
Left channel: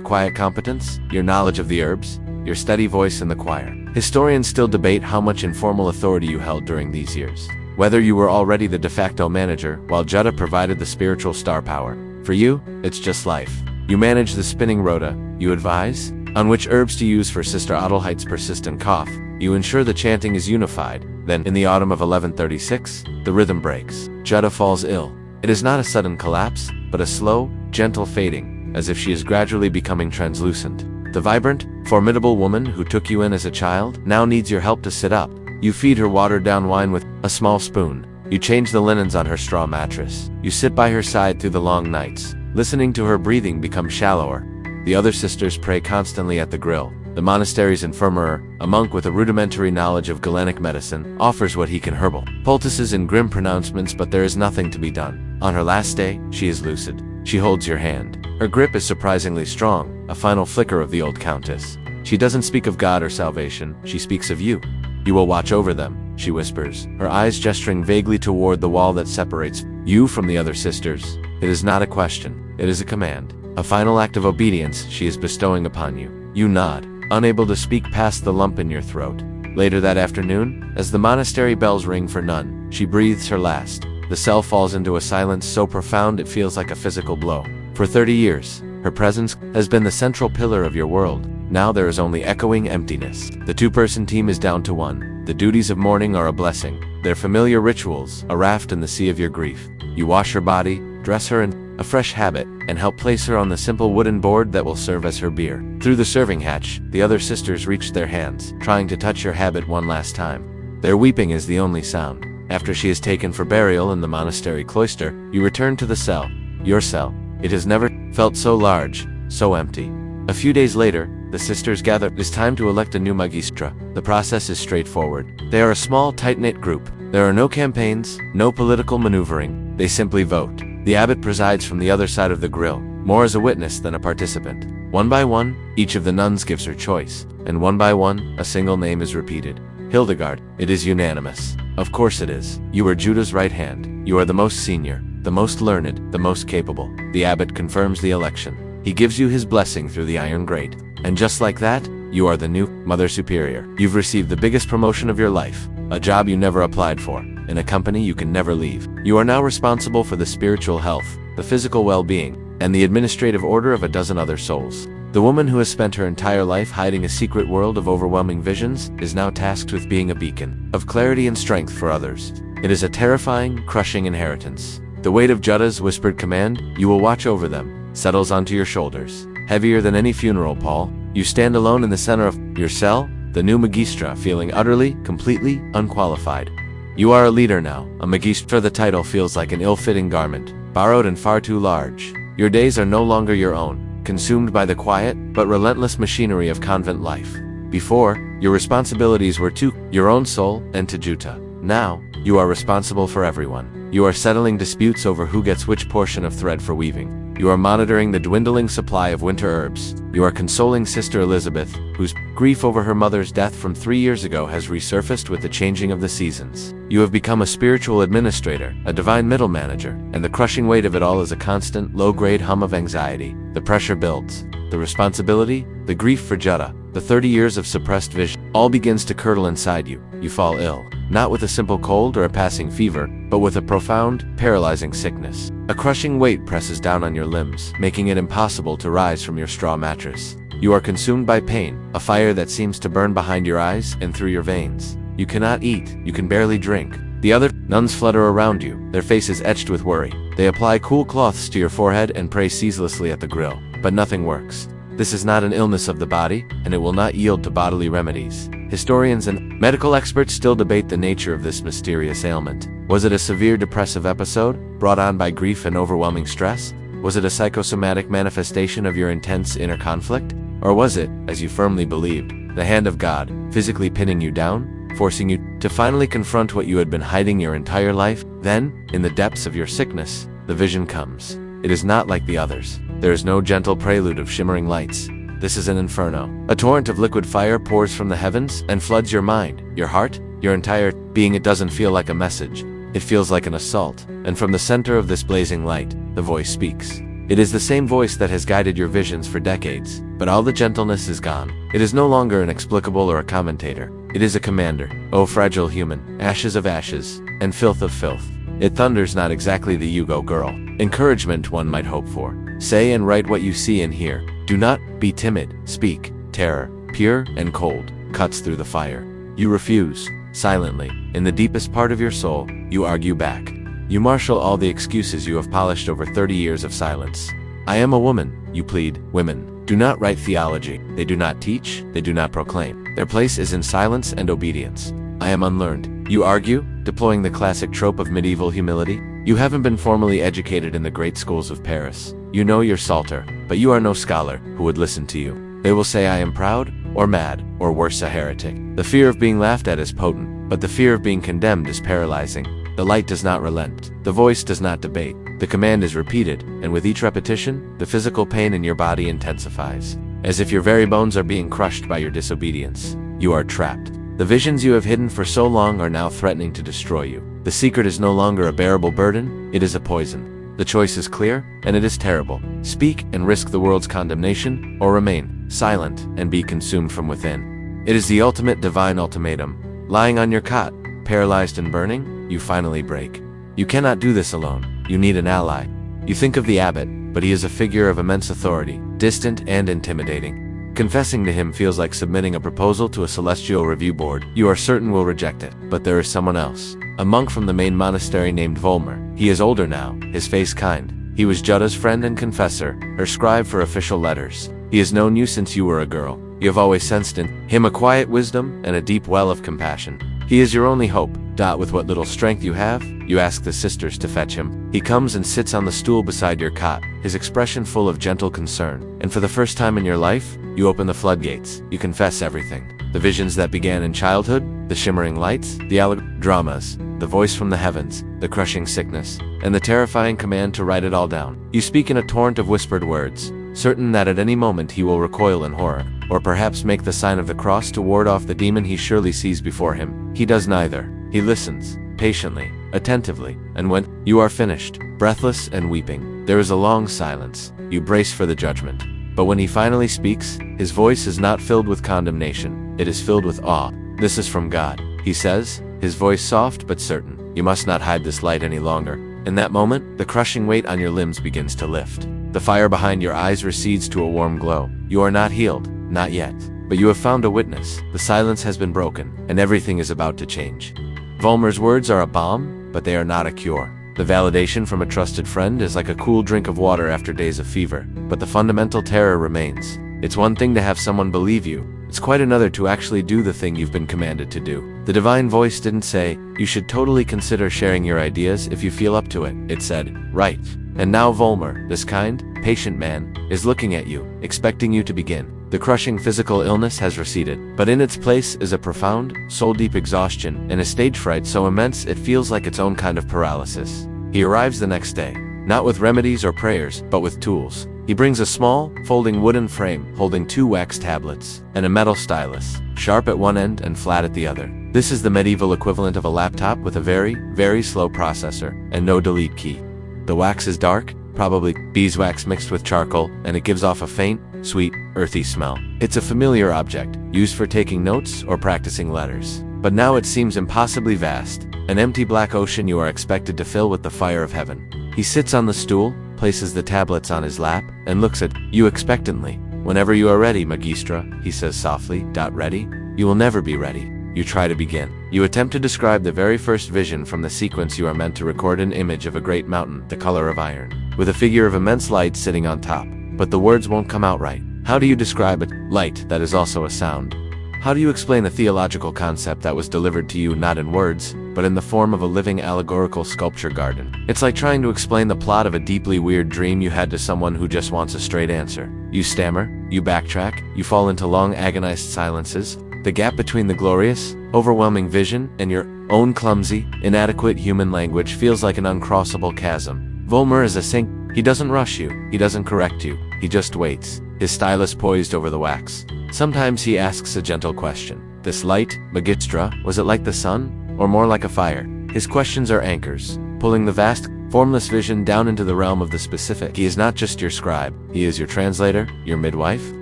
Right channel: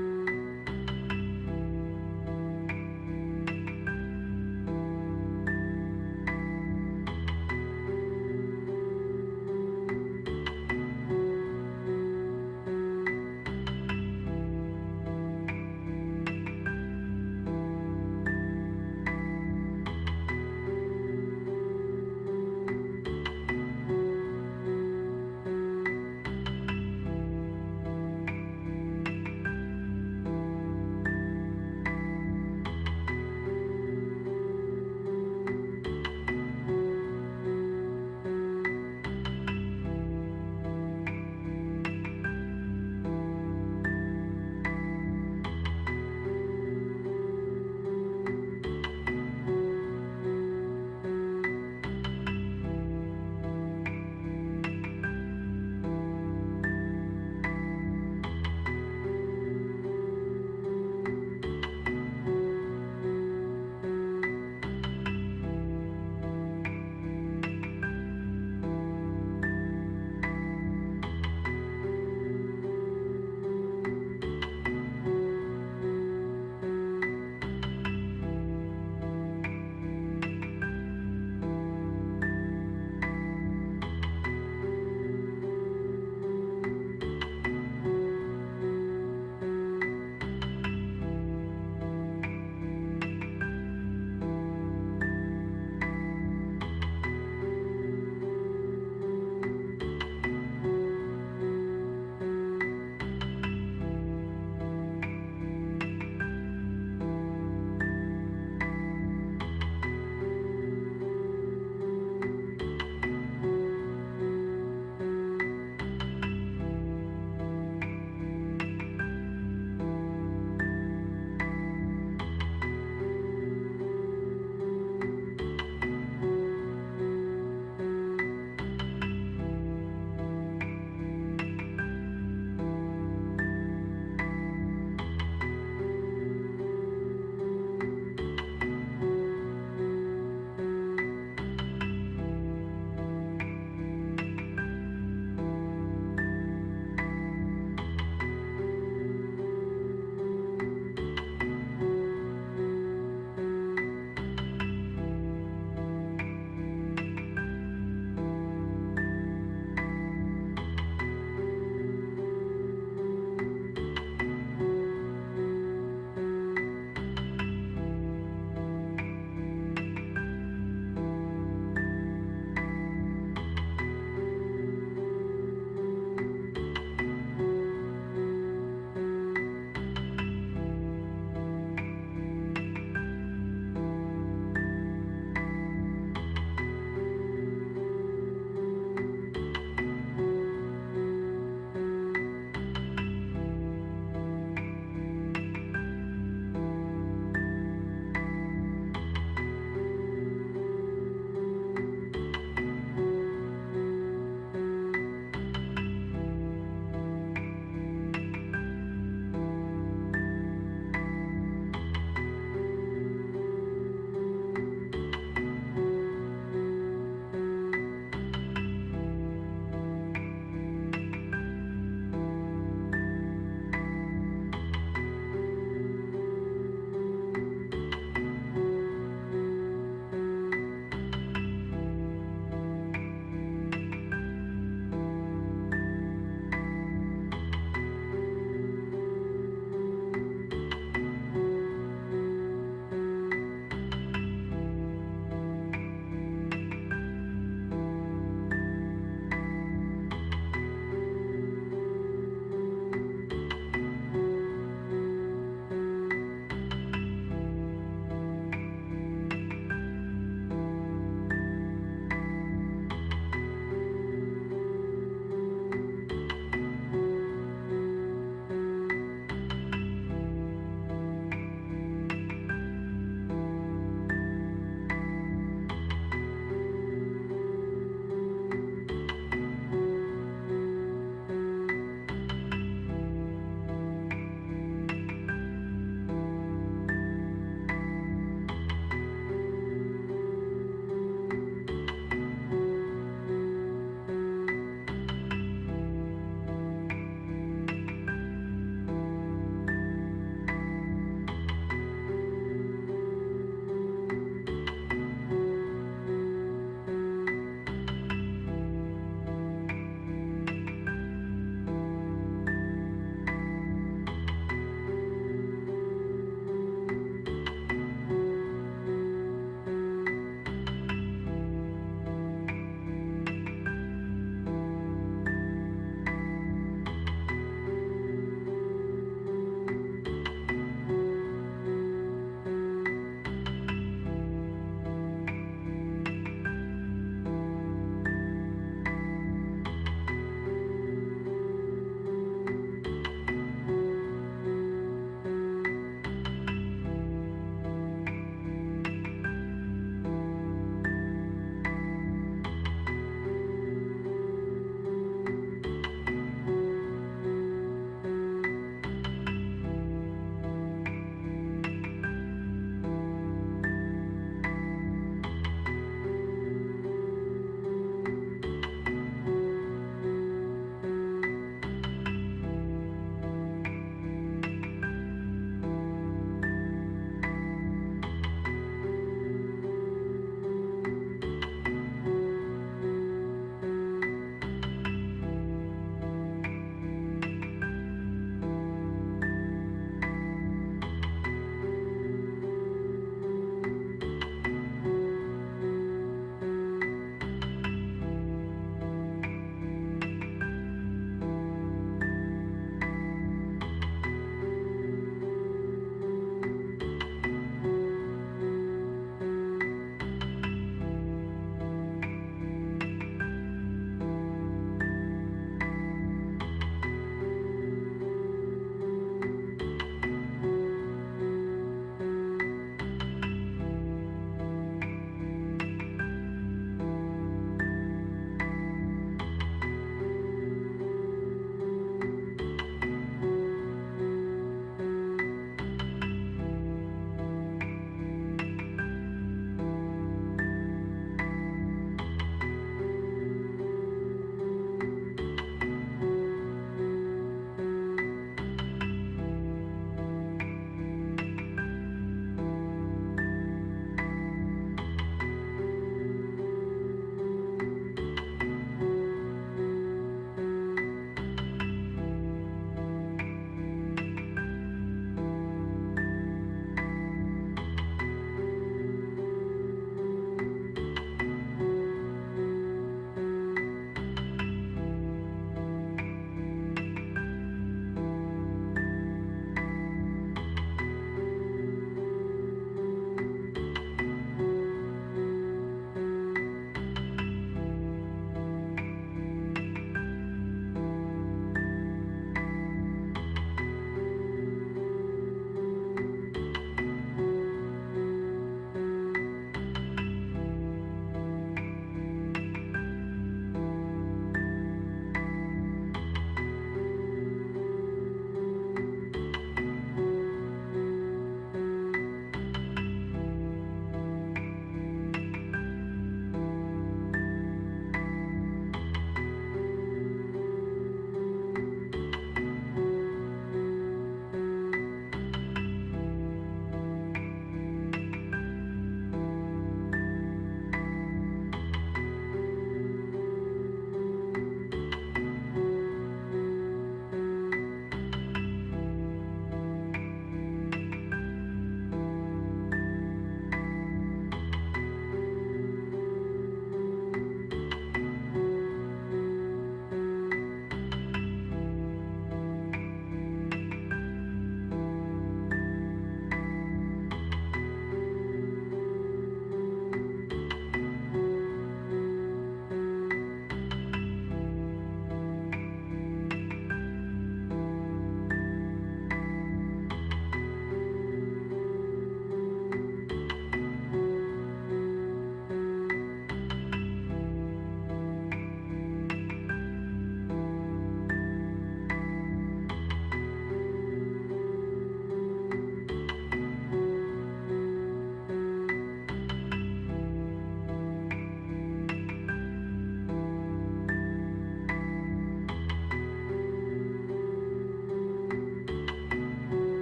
quiet competence, your knowledge of the herbs, your steady voice in the choir. Historians still debate how much informal authority you held during these years. Whether you were already the de facto manager, while Jutta provided the spiritual star power. For you, it's just life. You manage the spinning rota, you advise on which herbs to use for Sister Adelheid's persistent cough. You ensure the chanting is unified. Then, in the autumn of 1136, the rhythm breaks. Jutta falls ill. It is not a sudden collapse, but a slow, gentle fading, as if she is gradually becoming translucent. The vibrant, formidable woman who took you in as a child now needs your help to sit up. You feed her watered-down wine with a small spoon. You change the linens on her straw mattress. You sit by her side through the long nights, listening to her breathing become shallower. The other sisters pray constantly at the grill. The monastery's infirmary, a monk with a rudimentary knowledge of Galenic medicine, offers what he can herbal poultices and grim pronouncements, but there is nothing to be done. On her last day, she is lucid. She holds your hand. Her grip is surprisingly strong, a final flicker of the old countess. She doesn't speak of God or salvation, she speaks of you. You will watch over them, she whispers, her eyes gesturing vaguely toward the wall that separates you from the other sisters. It is not a question, it is a command. A final act of obedience she is bestowing upon you. You nod, unable to speak past the lump in your throat. Later that afternoon, as the monastery bells ring for none, she breathes her last. The cell falls into a silence so profound it feels like a physical blow. For 30 years, her presence has been the central pillar of your world. Now there is only echoing emptiness. The two-person team is down to one. The duties of mourning are a blessing. Their familiar rituals, a raft in the sea of your grief. You wash her body, dress her in a fresh habit, and help place her on the simple wooden board that will serve as her bier. Through the serving hatch, the other sisters reach their hands, trying to touch your habit one last time. Their weeping is the only sound. After she is taken for burial in the monastery cloister, you return to the cell. Your cell. It has never felt so large, so empty. A few days later, the sisters gather. It is time to elect a new magistra. The process is straightforward. They are a small, tight-knit group. There are no campaigns, no political maneuvering. They simply vote. The abbot presides from the other side of the grill, more as a witness than a participant. One by one, each of the nuns gives her choice, and one by one, a single name is repeated. Hildegard. It is unanimous. Of course it is. You are Judah's right hand. You are the most senior, the most learned, the most capable. The abbot confirms the election. He gives you his blessing through the iron grate. And just like that, you are the new Mother Superior. You've received the biggest promotion of your life, a job you never applied for, in a company you can never leave. You are now responsible for the spiritual health, the physical well-being, and the administrative order of a dozen other souls. The woman who has spent her entire life hiding a secret world of overwhelming visions is now tasked with being a beacon of clarity and strength for others. It is a terrifying, crushing inheritance. The weight of Jutta's whispered command, "You will watch over them," settles onto your shoulders. Heavier than any funeral pall, you stand alone in the center of your cell, the new magistra, feeling utterly, completely unqualified. You are a leader now. A magistra. The title feels like an ill-fitting garment, borrowed and far too large. Your days are no longer your own, consumed by the quiet but relentless machinery of convent life. Before, your responsibilities were to your own soul and to Jutta. Now, you are responsible for everyone. You are settling disputes over who gets which portion of thread for weaving. You are monitoring the dwindling supply of winter herbs. You are consoling Sister Elizabeth, whose grief over her mother's death from 3 years ago has resurfaced with the changing of the seasons. You have become a spiritual administrator, a divine middle manager, and the crushing weight of it all is a constant, low-grade hum of anxiety. The pressure builds. The responsibility, the grief for Jutta, the 30 years of suppressed vision, all begins to curdle inside you. You fall ill, not with a simple cold or a passing fever, but with a profound, paralyzing sickness. A crushing weight presses down on your limbs, making it impossible to rise from your straw mattress. You are consumed by pain, a fire that seems to burn behind your eyes and through your veins. You cannot eat, you can barely drink. The other nuns flutter around you, their faces etched with worry. They apply cool cloths to your forehead and pray ceaselessly at the grill, but nothing works. This is not an illness of the body, and it will not yield to bodily remedies. Historians and medical experts still debate the nature of this mysterious ailment. Was it a severe depressive episode, brought on by grief and overwhelming stress? Was it a psychosomatic manifestation of your intense inner conflict? Or was it, as you firmly believed, the hand of God, physically pinning you down, forcing you to finally confront what you had been hiding your entire life? Then, in the depths of your sickness, the vision comes. It is not like the others. There is no gentle prelude of shimmering lights. This is an inferno. A torrent of liquid fire pours from the heavens and floods your mind, your heart, your entire being. It doesn't feel like a message. It feels like an assault. And from the center of this blazing light, the voice speaks. It is the same voice that has guided your visions for decades. but all the gentleness is gone. It is no longer an explicable or a commentator. It is a commander. O fragile human, ashes of ashes, and filth of filth. It thunders not exactly the you go girl. Encouragement one might hope for. Say and write what you see and hear. Do not be timid. Speak. Terror, pure and cold, cuts through the fire. You refuse. Silently, in the deepest part of your soul, you argue back. You marshal all the excuses you have polished over 30 years of silence. I am a woman, you plead. Women do not write theology. They do not teach. They do not proclaim. Their place is in silence and obedience. I am unlearned. You argue, deploying the classic trope of medieval humility. You haven't been formally educated in the great schools of Paris. You know your Psalter, but you are no scholar who would listen to you. They will say I am proud, or mad, or worse, a heretic. The fear of being laughed at is potent, but the fear of being condemned is paralyzing. The light does not relent. The voice does not debate. The command is repeated, and with each repetition, the physical pain in your body intensifies. As if your very bones are being crushed by your disobedience. You are trapped. The visions you have hidden for so long are now threatening to destroy you. The secret is no longer a bearable burden, it is a poison. The choice is clear, and it is terrible. Speak and risk the world's condemnation, or remain silent and be consumed from within. It is the ultimate divine ultimatum. Lying on your cot, paralyzed and burning, you finally break. You cannot do this alone. You need an ally. You think of the abbot, but he is a figure of immense authority, distant and intimidating. Confessing to him feels like submitting a proposal to a celestial review board. You are certain will reject it, but there is someone else. A monk from the main monastery named Volmer. He is older now, his face kind. He was Jutta's friend and confessor, her scribe for official letters. He has known you since you were a girl. You have always sensed in him a quiet wisdom and a deep well of compassion. He is your only hope. With what little strength you have, you ask the sisters to fetch him. He comes and sits on the stool beside your cot, his expression full of gentle concern. And for the first time in your life, you open the floodgates. You confess everything. The visions that began in childhood, the shimmering lights, the dramas, the voice from the heavens, the crushing sickness, and the terrifying command to write it all down. You speak in a torrent of whispered words, certain that at any moment he will recoil in horror, or perhaps make the sign of the cross to ward off the demon he surely sees before him. He does neither. He listens, patiently, attentively, and when you are finished, breathless and weeping, there is a long silence. You brace for the judgment. But when he finally speaks, his voice is not filled with condemnation, it is filled with awe. This is from God, he says, his voice soft but certain. You must not hide this light any longer. In that moment, the crushing weight on your limbs begins to lift. The fire behind your eyes recedes to a warm glow. You are not healed, not yet. But you have found a witness. The silence has been broken, and everything is about to change. Volmer's words are a balm, but they are not a cure. The validation from a trusted friend is like a cool drink of water after days of fever, but the fundamental terror remains. It's one thing to have someone believe you. It's quite another to actually do the thing you've been commanded to do. The divine voice didn't say, you should totally consider sharing your ideas if you feel up to it. It said, right. And now Volmer, this kind, patient man, is looking at you, expecting you to begin. The crushing physical illness has receded, but in its place is a profound, soul-deep exhaustion and a stage fright so immense it feels like its own kind of paralysis. He arrives the next day, not with remedies or prayers, but with tools. He brings a small, folding wooden frame holding 2 wax tablets and a metal stylus, sharp at one end and flat at the other. This is the medieval equivalent of a laptop with a very, very slow processor and no delete key. The wax is dark, probably beeswax mixed with charcoal, and it gives off a faint, sweet, earthy smell. It's a familiar object, used for taking notes or practicing letters. But now it seems impossibly vast, an empty black ocean you are expected to fill with the fire of heaven. He sits on the stool, places the tablets on his lap, and looks at you expectantly. Whenever you are ready, Magistra, he says softly. Ready? You will never be ready. You try to begin. You attempt to describe the very first vision from the sequence you are meant to record an image of a great mountain, the color of iron, with a figure of immense light sitting on top. But the words won't come out right. How do you describe a light that is also a sound? How do you explain a theological concept that was delivered to you not in words, but in the form of a living allegorical sculpture garden? It's like trying to explain the plot of a deeply weird dream you had to someone who just wants a straight answer. You stammer, you backtrack, you fall into long agonized silences. The gap between the glorious, overwhelming vision and your own clumsy, inadequate human language feels like an uncrossable chasm. Volmer is a saint. He doesn't rush you, he doesn't correct you, he just waits, his stylus poised over the wax. Sometimes he asks a gentle question. This light, Magistra, was it like the sun, or more like a fire? His questions are anchors, pulling the vast, formless vision down into the realm of the specific. He is not just your scribe, he is your translator, your midwife.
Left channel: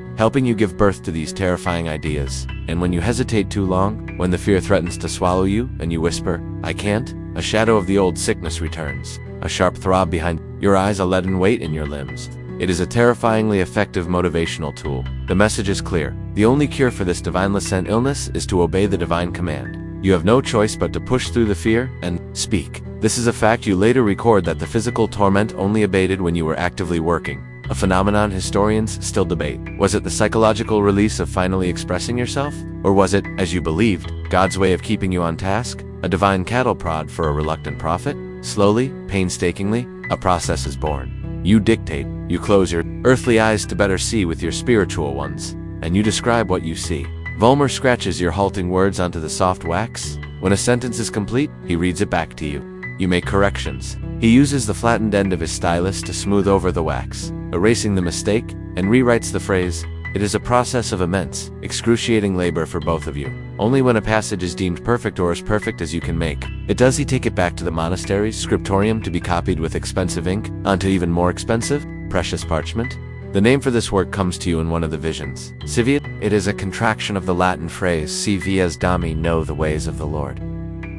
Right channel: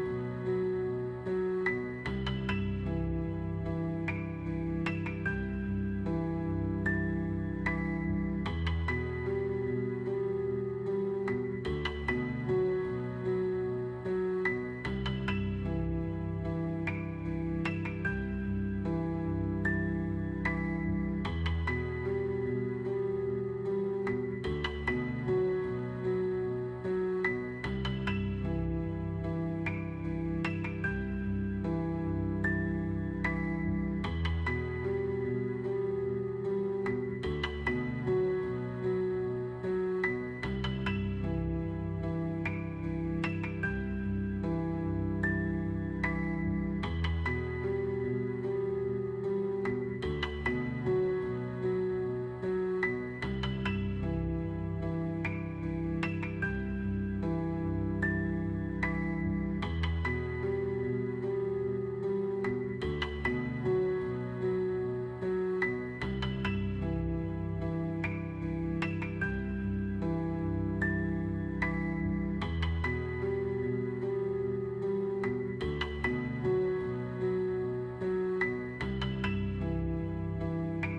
helping you give birth to these terrifying ideas. And when you hesitate too long, when the fear threatens to swallow you, and you whisper, "I can't," a shadow of the old sickness returns, a sharp throb behind your eyes, a leaden weight in your limbs. It is a terrifyingly effective motivational tool. The message is clear. The only cure for this divinely sent illness is to obey the divine command. You have no choice but to push through the fear and speak. This is a fact you later record, that the physical torment only abated when you were actively working, a phenomenon historians still debate. Was it the psychological release of finally expressing yourself? Or was it, as you believed, God's way of keeping you on task? A divine cattle prod for a reluctant prophet? Slowly, painstakingly, a process is born. You dictate, you close your earthly eyes to better see with your spiritual ones, and you describe what you see. Volmer scratches your halting words onto the soft wax. When a sentence is complete, he reads it back to you. You make corrections. He uses the flattened end of his stylus to smooth over the wax, erasing the mistake, and rewrites the phrase. It is a process of immense, excruciating labor for both of you. Only when a passage is deemed perfect, or as perfect as you can make it, does he take it back to the monastery's scriptorium to be copied with expensive ink onto even more expensive, precious parchment. The name for this work comes to you in one of the visions. Civiat. It is a contraction of the Latin phrase, Si vias Dami, know the ways of the Lord.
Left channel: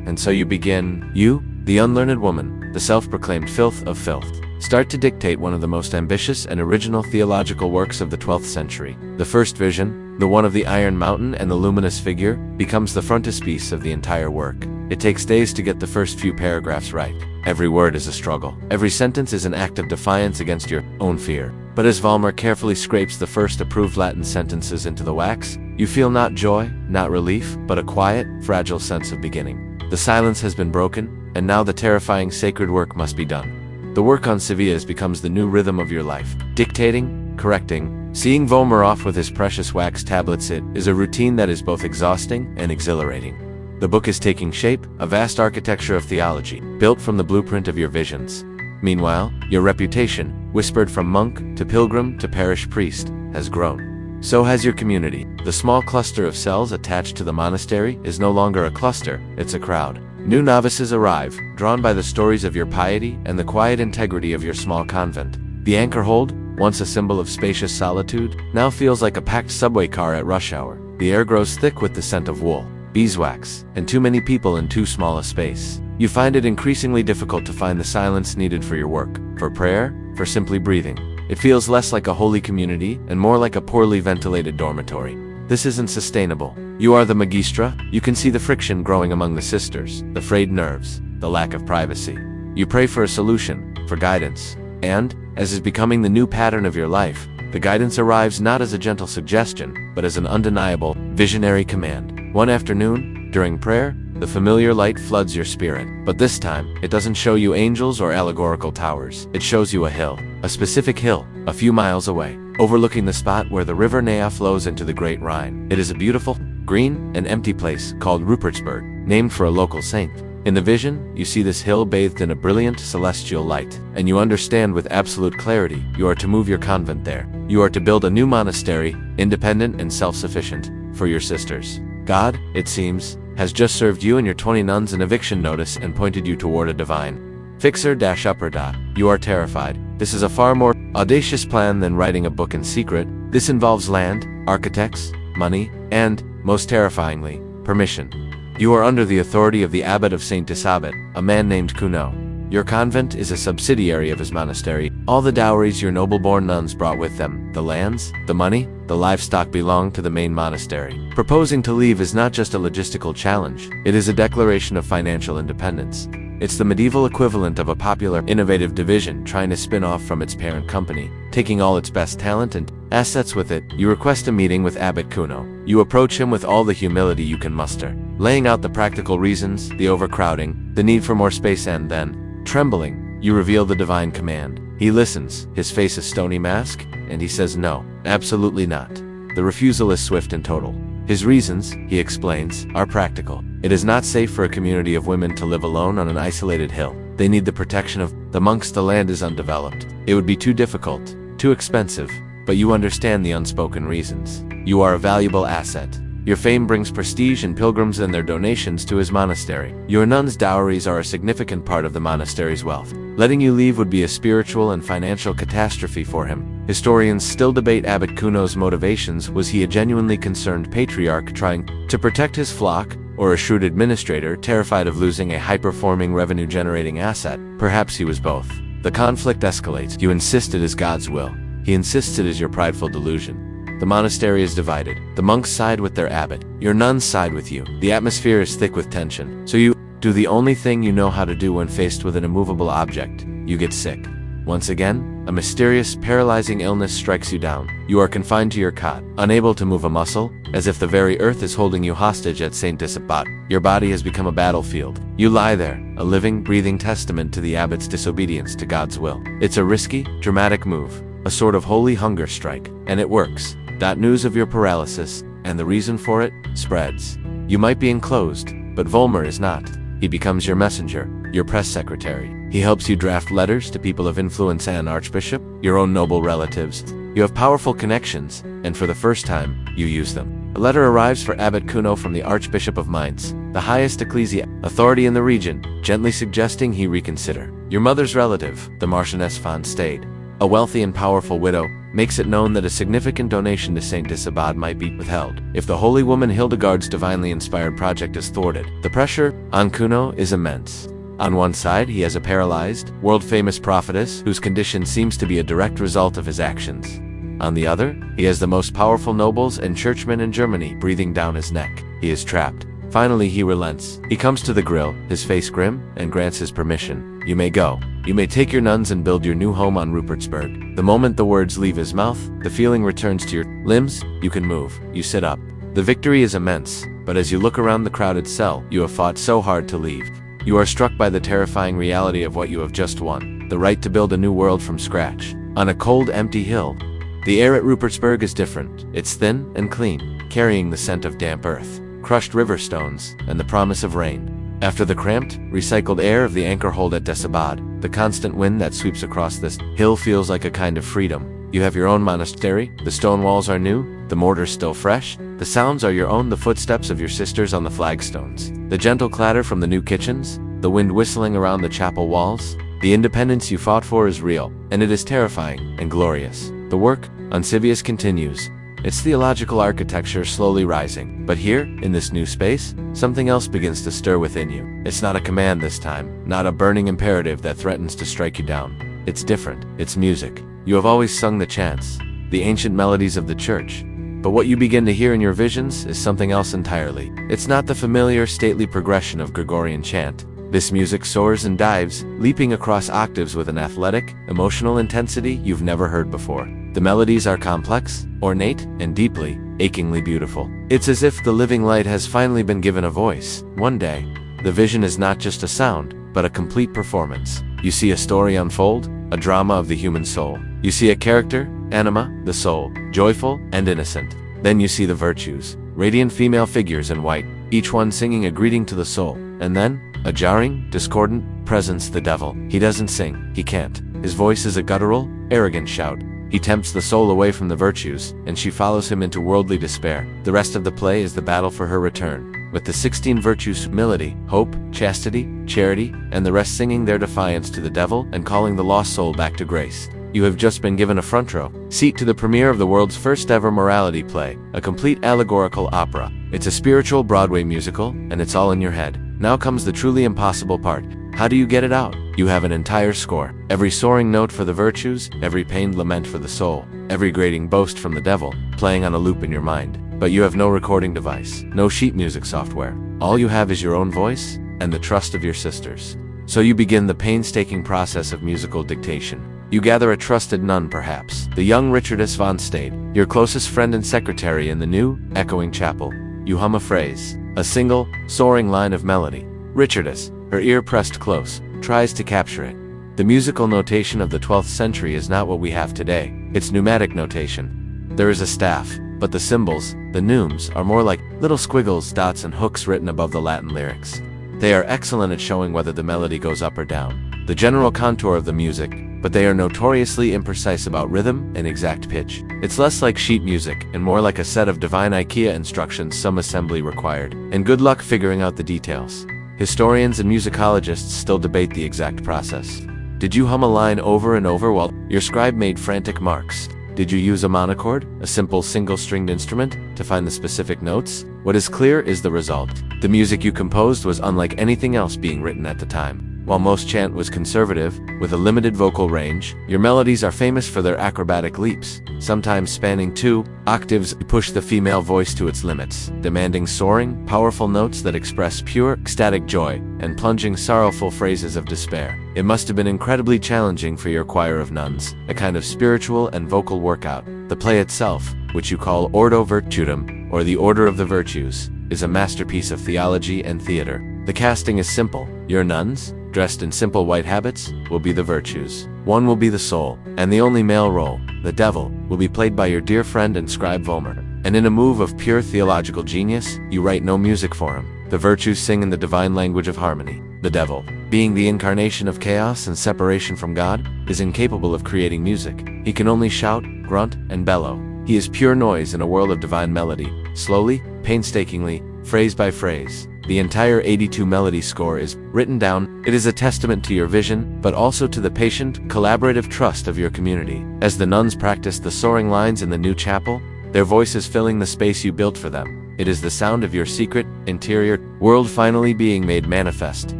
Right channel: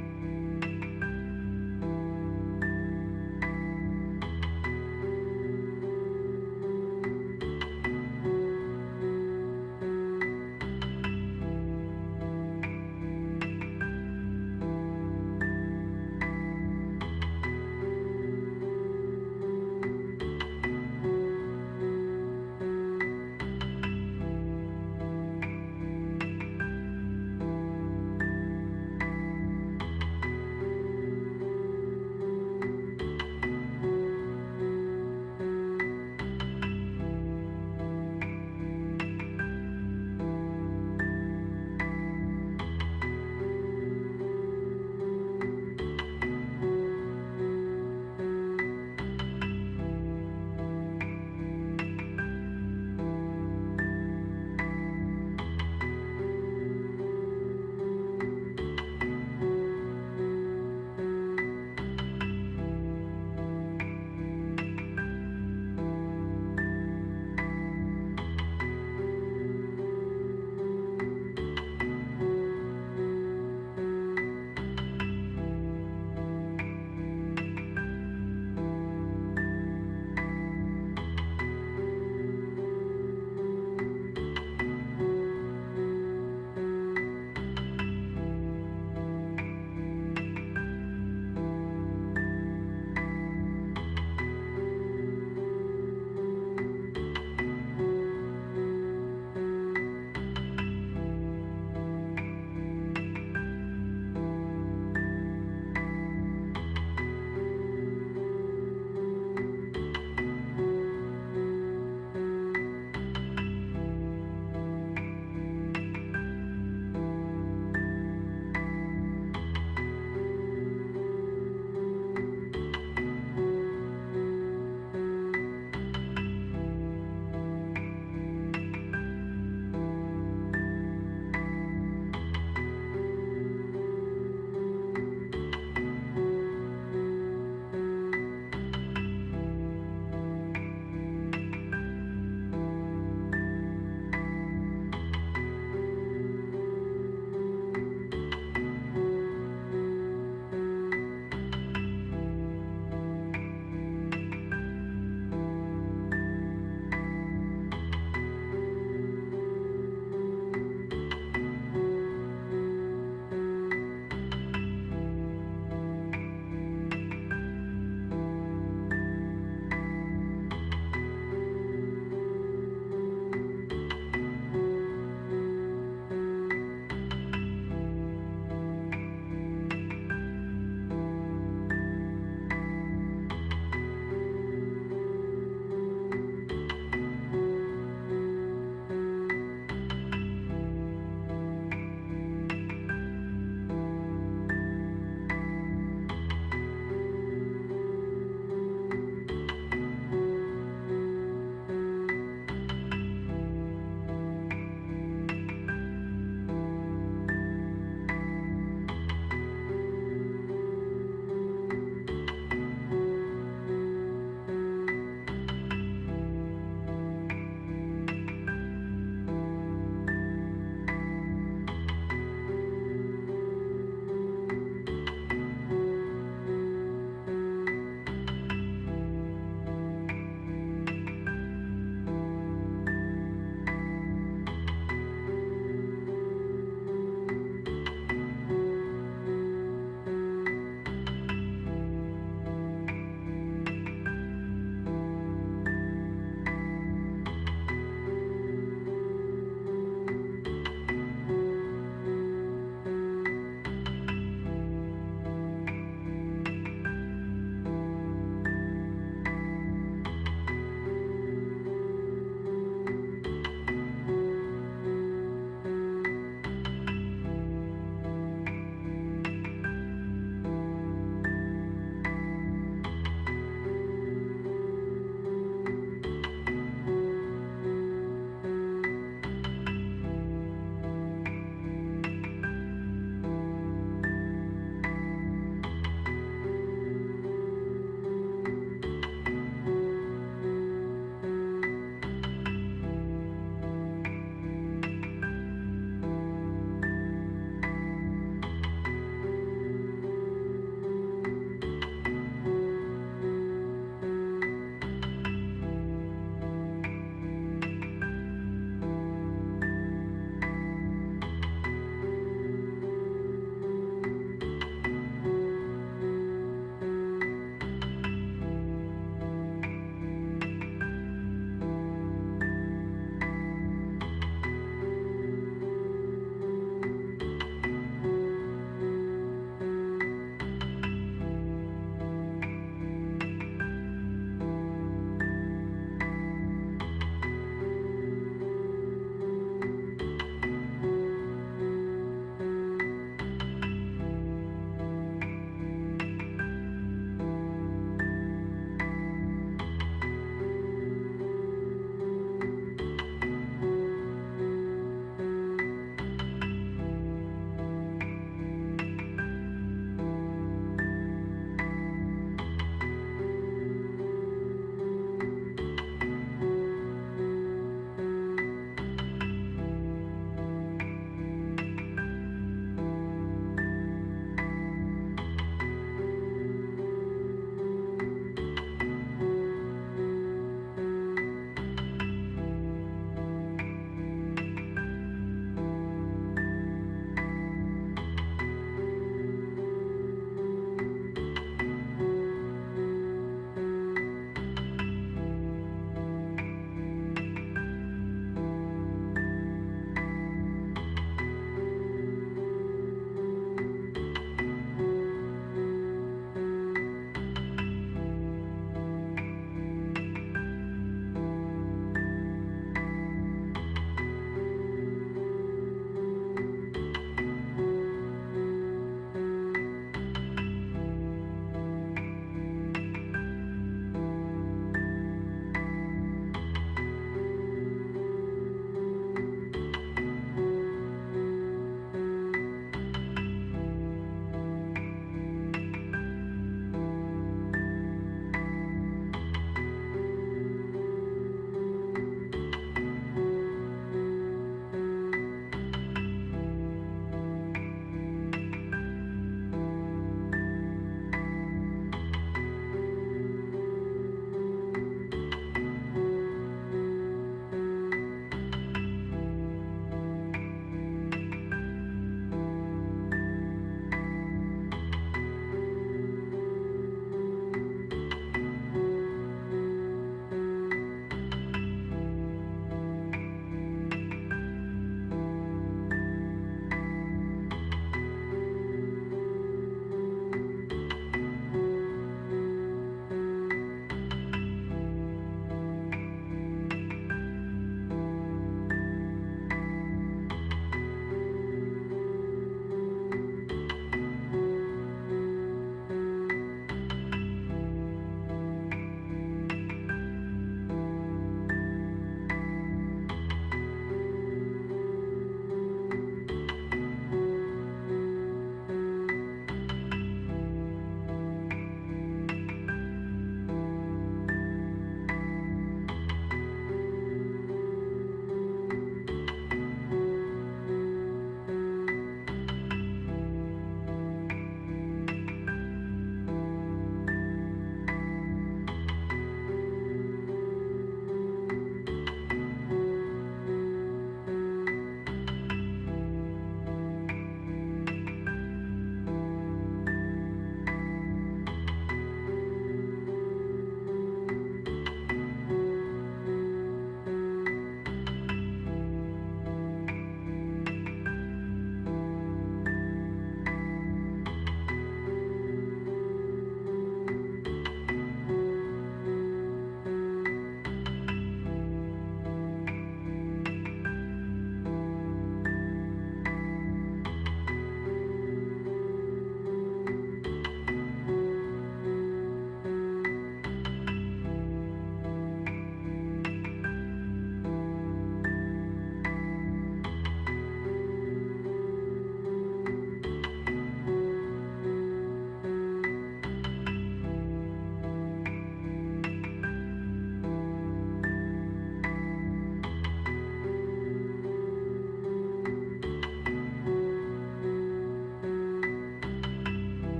And so you begin, you, the unlearned woman, the self-proclaimed filth of filth, start to dictate one of the most ambitious and original theological works of the 12th century. The first vision, the one of the iron mountain and the luminous figure, becomes the frontispiece of the entire work. It takes days to get the first few paragraphs right. Every word is a struggle. Every sentence is an act of defiance against your own fear. But as Volmer carefully scrapes the first approved Latin sentences into the wax, you feel not joy, not relief, but a quiet, fragile sense of beginning. The silence has been broken, and now the terrifying sacred work must be done. The work on Sevillas becomes the new rhythm of your life. Dictating, correcting, seeing Volmer off with his precious wax tablets, it is a routine that is both exhausting and exhilarating. The book is taking shape, a vast architecture of theology, built from the blueprint of your visions. Meanwhile, your reputation, whispered from monk to pilgrim to parish priest, has grown. So has your community. The small cluster of cells attached to the monastery is no longer a cluster, it's a crowd. New novices arrive, drawn by the stories of your piety and the quiet integrity of your small convent. The anchor hold, once a symbol of spacious solitude, now feels like a packed subway car at rush hour. The air grows thick with the scent of wool, beeswax, and too many people in too small a space. You find it increasingly difficult to find the silence needed for your work, for prayer, for simply breathing. It feels less like a holy community and more like a poorly ventilated dormitory. This isn't sustainable. You are the magistra. You can see the friction growing among the sisters, the frayed nerves, the lack of privacy. You pray for a solution, for guidance. And, as is becoming the new pattern of your life, the guidance arrives not as a gentle suggestion, but as an undeniable, visionary command. One afternoon, during prayer, the familiar light floods your spirit. But this time, it doesn't show you angels or allegorical towers. It shows you a hill, a specific hill, a few miles away, overlooking the spot where the river Nea flows into the Great Rhine. It is a beautiful, green, and empty place called Rupertsberg, named for a local saint. In the vision, you see this hill bathed in a brilliant celestial light, and you understand with absolute clarity you are to move your convent there. You are to build a new monastery, independent and self-sufficient, for your sisters. God, it seems, has just served you and your 20 nuns an eviction notice and pointed you toward a divine fixer-upper. You are terrified. This is a far more audacious plan than writing a book in secret. This involves land, architects, money, and, most terrifyingly, permission. You are under the authority of the abbot of St. Isabet, a man named Cuno. Your convent is a subsidiary of his monastery. All the dowries your noble-born nuns brought with them, the lands, the money, the livestock belong to the main monastery. Proposing to leave is not just a logistical challenge, it is a declaration of financial independence. It's the medieval equivalent of a popular, innovative division trying to spin off from its parent company, taking all its best talent and assets with it. You request a meeting with Abbot Cuno. You approach him with all the humility you can muster, laying out the practical reasons, the overcrowding, the need for more space, and then, trembling, you reveal the divine command. He listens, his face a stony mask, and he says no, absolutely not. The refusal is swift and total. His reasons, he explains, are practical. It is not safe for a community of women to live alone on an isolated hill. They need the protection of the monks. The land is undeveloped. It would be too difficult, too expensive, but you understand the unspoken reasons. You are a valuable asset. Your fame brings prestige and pilgrims and their donations to his monastery. Your nun's dowries are a significant part of the monastery's wealth. Letting you leave would be a spiritual and financial catastrophe for him. Historians still debate Abbot Kuno's motivations. Was he a genuinely concerned patriarch trying to protect his flock, or a shrewd administrator terrified of losing a high-performing revenue-generating asset? Perhaps he was both. The conflict escalates. You insist it is God's will. He insists it is your prideful delusion. The monastery is divided. The monks side with their abbot. Your nuns side with you. The atmosphere is thick with tension. So you do the only thing you know how to do when faced with an immovable object. You get sick. Once again, a mysterious, paralyzing illness strikes you down. You are confined to your cot, unable to move a muscle, as if the very earth is holding you hostage at St. Disabot. Your body has become a battlefield. You lie there, a living, breathing testament to the abbot's disobedience to God's will. It's a risky, dramatic move, a sort of holy hunger strike, and it works. News of your paralysis, and the reason for it, spreads. You might be enclosed, but Volmer is not. He becomes your messenger, your press secretary. He helps you draft letters to people of influence and archbishop, your own noble relatives. You have powerful connections, and for the first time, you use them. A letter arrives for Abbot Kuno from the Archbishop of Mainz, the highest ecclesiastic authority in the region, gently suggesting he reconsider. Your mother's relative, the Marchioness von Stade, a wealthy and powerful widow, makes it known that a significant donation to St. Disabod might be withheld if the holy woman Hildegard's divinely inspired project is thwarted. The pressure on Kuno is immense. On one side, he has a paralyzed, world-famous prophetess whose condition seems to be a direct result of his actions. On the other, he has the most powerful nobles and churchmen in Germany breathing down his neck. He is trapped. Finally, he relents. He comes to the grill, his face grim, and grants his permission. You may go. You may take your nuns and build your new home on Rupertsberg. The moment the words leave his mouth, the feeling returns to your limbs. You can move. You sit up. The victory is immense, but as you look around the crowded cell, you have fought so hard to leave. You are struck by the terrifying reality of what you have just won, the right to build a new world from scratch, on a cold, empty hill. The air at Rupertsberg is different. It's thin and clean, carrying the scent of damp earth, crushed river stones, and the promise of rain. After the cramped, recycled air of the anchor hold at Disabod, the constant wind that sweeps across this hill feels like a kind of freedom. You have your own monastery, the stone walls are new, the mortar still fresh, the sounds are your own, the footsteps of your sisters on the flagstones, the gentle clatter from the new kitchens, the wind whistling around the chapel walls. The independence you fought for is real, and it is terrifying and glorious. The work on Civius continues, its theological architecture slowly rising. But here, in this new space, something else begins to stir within you. It's not a command this time, not a burning imperative that threatens to strike you down. It's different. It's music. You have always sung the chants, the ancient melodies of the church. But what you begin to hear in your visions is something else entirely. It's not the familiar, stately progression of Gregorian chant. This music soars and dives, leaping across octaves with an athletic, emotional intensity you've never heard before. The melodies are complex, ornate, and deeply, achingly beautiful. It's as if the living light has finally been given a voice. One day, the vision is not just a sound, but a complete performance. You see a story unfold, a drama of the human soul. You see a character, Anima, the soul, joyful and innocent. Then you see the virtues, radiant female figures in white, each one singing a greeting to the soul. And then, a jarring, discordant presence, the devil. He doesn't sing, he can't. His voice is a guttural, arrogant shout. He tempts the soul away from the virtues, and she follows him into worldly despair. The rest of the play is the battle for her return, with the 16 virtues: humility, hope, chastity, charity, and the rest singing their defiance to the devil and calling the lost soul back to grace. You have just been given a front row seat to the premiere of the world's first ever morality play, a complete allegorical opera. It's a spiritual Broadway musical, and it's all in your head. Now comes the truly impossible part. How do you get it out? You have an entire score. Every soaring note for the virtues, every pained lament for the soul, every grating boast from the devil, playing on a loop in your mind. But you have no recording device, no sheet music software. All you have is your own voice, and the trust of your sisters. So you begin the painstaking process of musical dictation. You gather a trusted nun, perhaps, the young Viriditas von Stade, your closest friend and secretary in the new, echoing chapel. You hum a phrase, a single, soaring line of melody. Viriditas, her ear pressed close, tries to capture it. The musical notation of the 12th century is not what we have today. It's pneumatic notation. There is a staff, but the symbols, the neumes, are more like little squiggles, dots, and hooks written above the Latin lyrics. They are excellent at showing whether the melody goes up or down. the general contour of the music, but they are notoriously imprecise about rhythm and exact pitch. It's less like sheet music and more like a set of divine IKEA instructions, some assembly required, and good luck figuring out the details. Historians and musicologists still debate the exact process. Did you hum a line over and over while your scribe made frantic marks? Did you use a monochord, a simple single-stringed instrument, to find the specific notes? What is clear is the result. The music you composed was unlike anything else being written at the time. While most chant was conservative, with a limited vocal range, your melodies are famous for their acrobatic leaps, sometimes spanning 2 octaves, push the female voice to its limits, demanding soaring, powerful notes that express pure, ecstatic joy, and plunging sorrowful phrases of despair. It must have been incredibly challenging for your choir of nuns, a kind of spiritual and vocal workout. The play itself, which you call Ordo Virtutum, or the Order of the Virtues, is a masterpiece of theology and theater. The casting is simple. Your nuns, dressed in simple white habits, will be the virtues. One will be the soul, and the only male role, the devil, will be played by your dear friend and scribe Vollmer. And in a move of pure theological genius, you write no music for him. The virtues sing in the divine language of harmony. The devil, being the incarnation of chaos and separation from God, is incapable of creating music. He can only shout, grunt, and bellow. He is pure noise in a world of divine melody. Slowly, painstakingly, phrase by phrase, the entire 82 melody score is written down. It is a testament to your vision, but also to the patient, collaborative trust of your community. As the nuns practice the soaring lines in the new chapel, their voices filling the space you built for them. It is the sound of your secret, interior world finally being made manifest,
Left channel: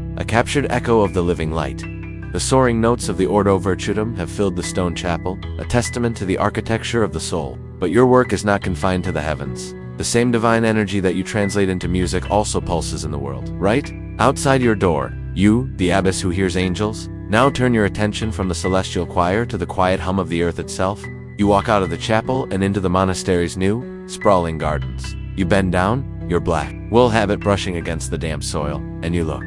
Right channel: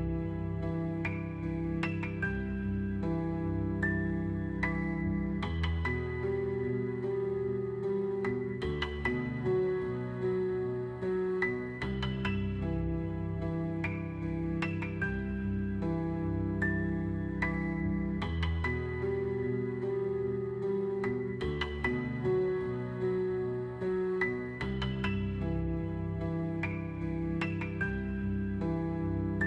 a captured echo of the living light. The soaring notes of the Ordo Virtutum have filled the stone chapel, a testament to the architecture of the soul. But your work is not confined to the heavens. The same divine energy that you translate into music also pulses in the world, right? Outside your door, you, the abbess who hears angels, now turn your attention from the celestial choir to the quiet hum of the earth itself. You walk out of the chapel and into the monastery's new, sprawling gardens. You bend down, your black wool habit brushing against the damp soil, and you look.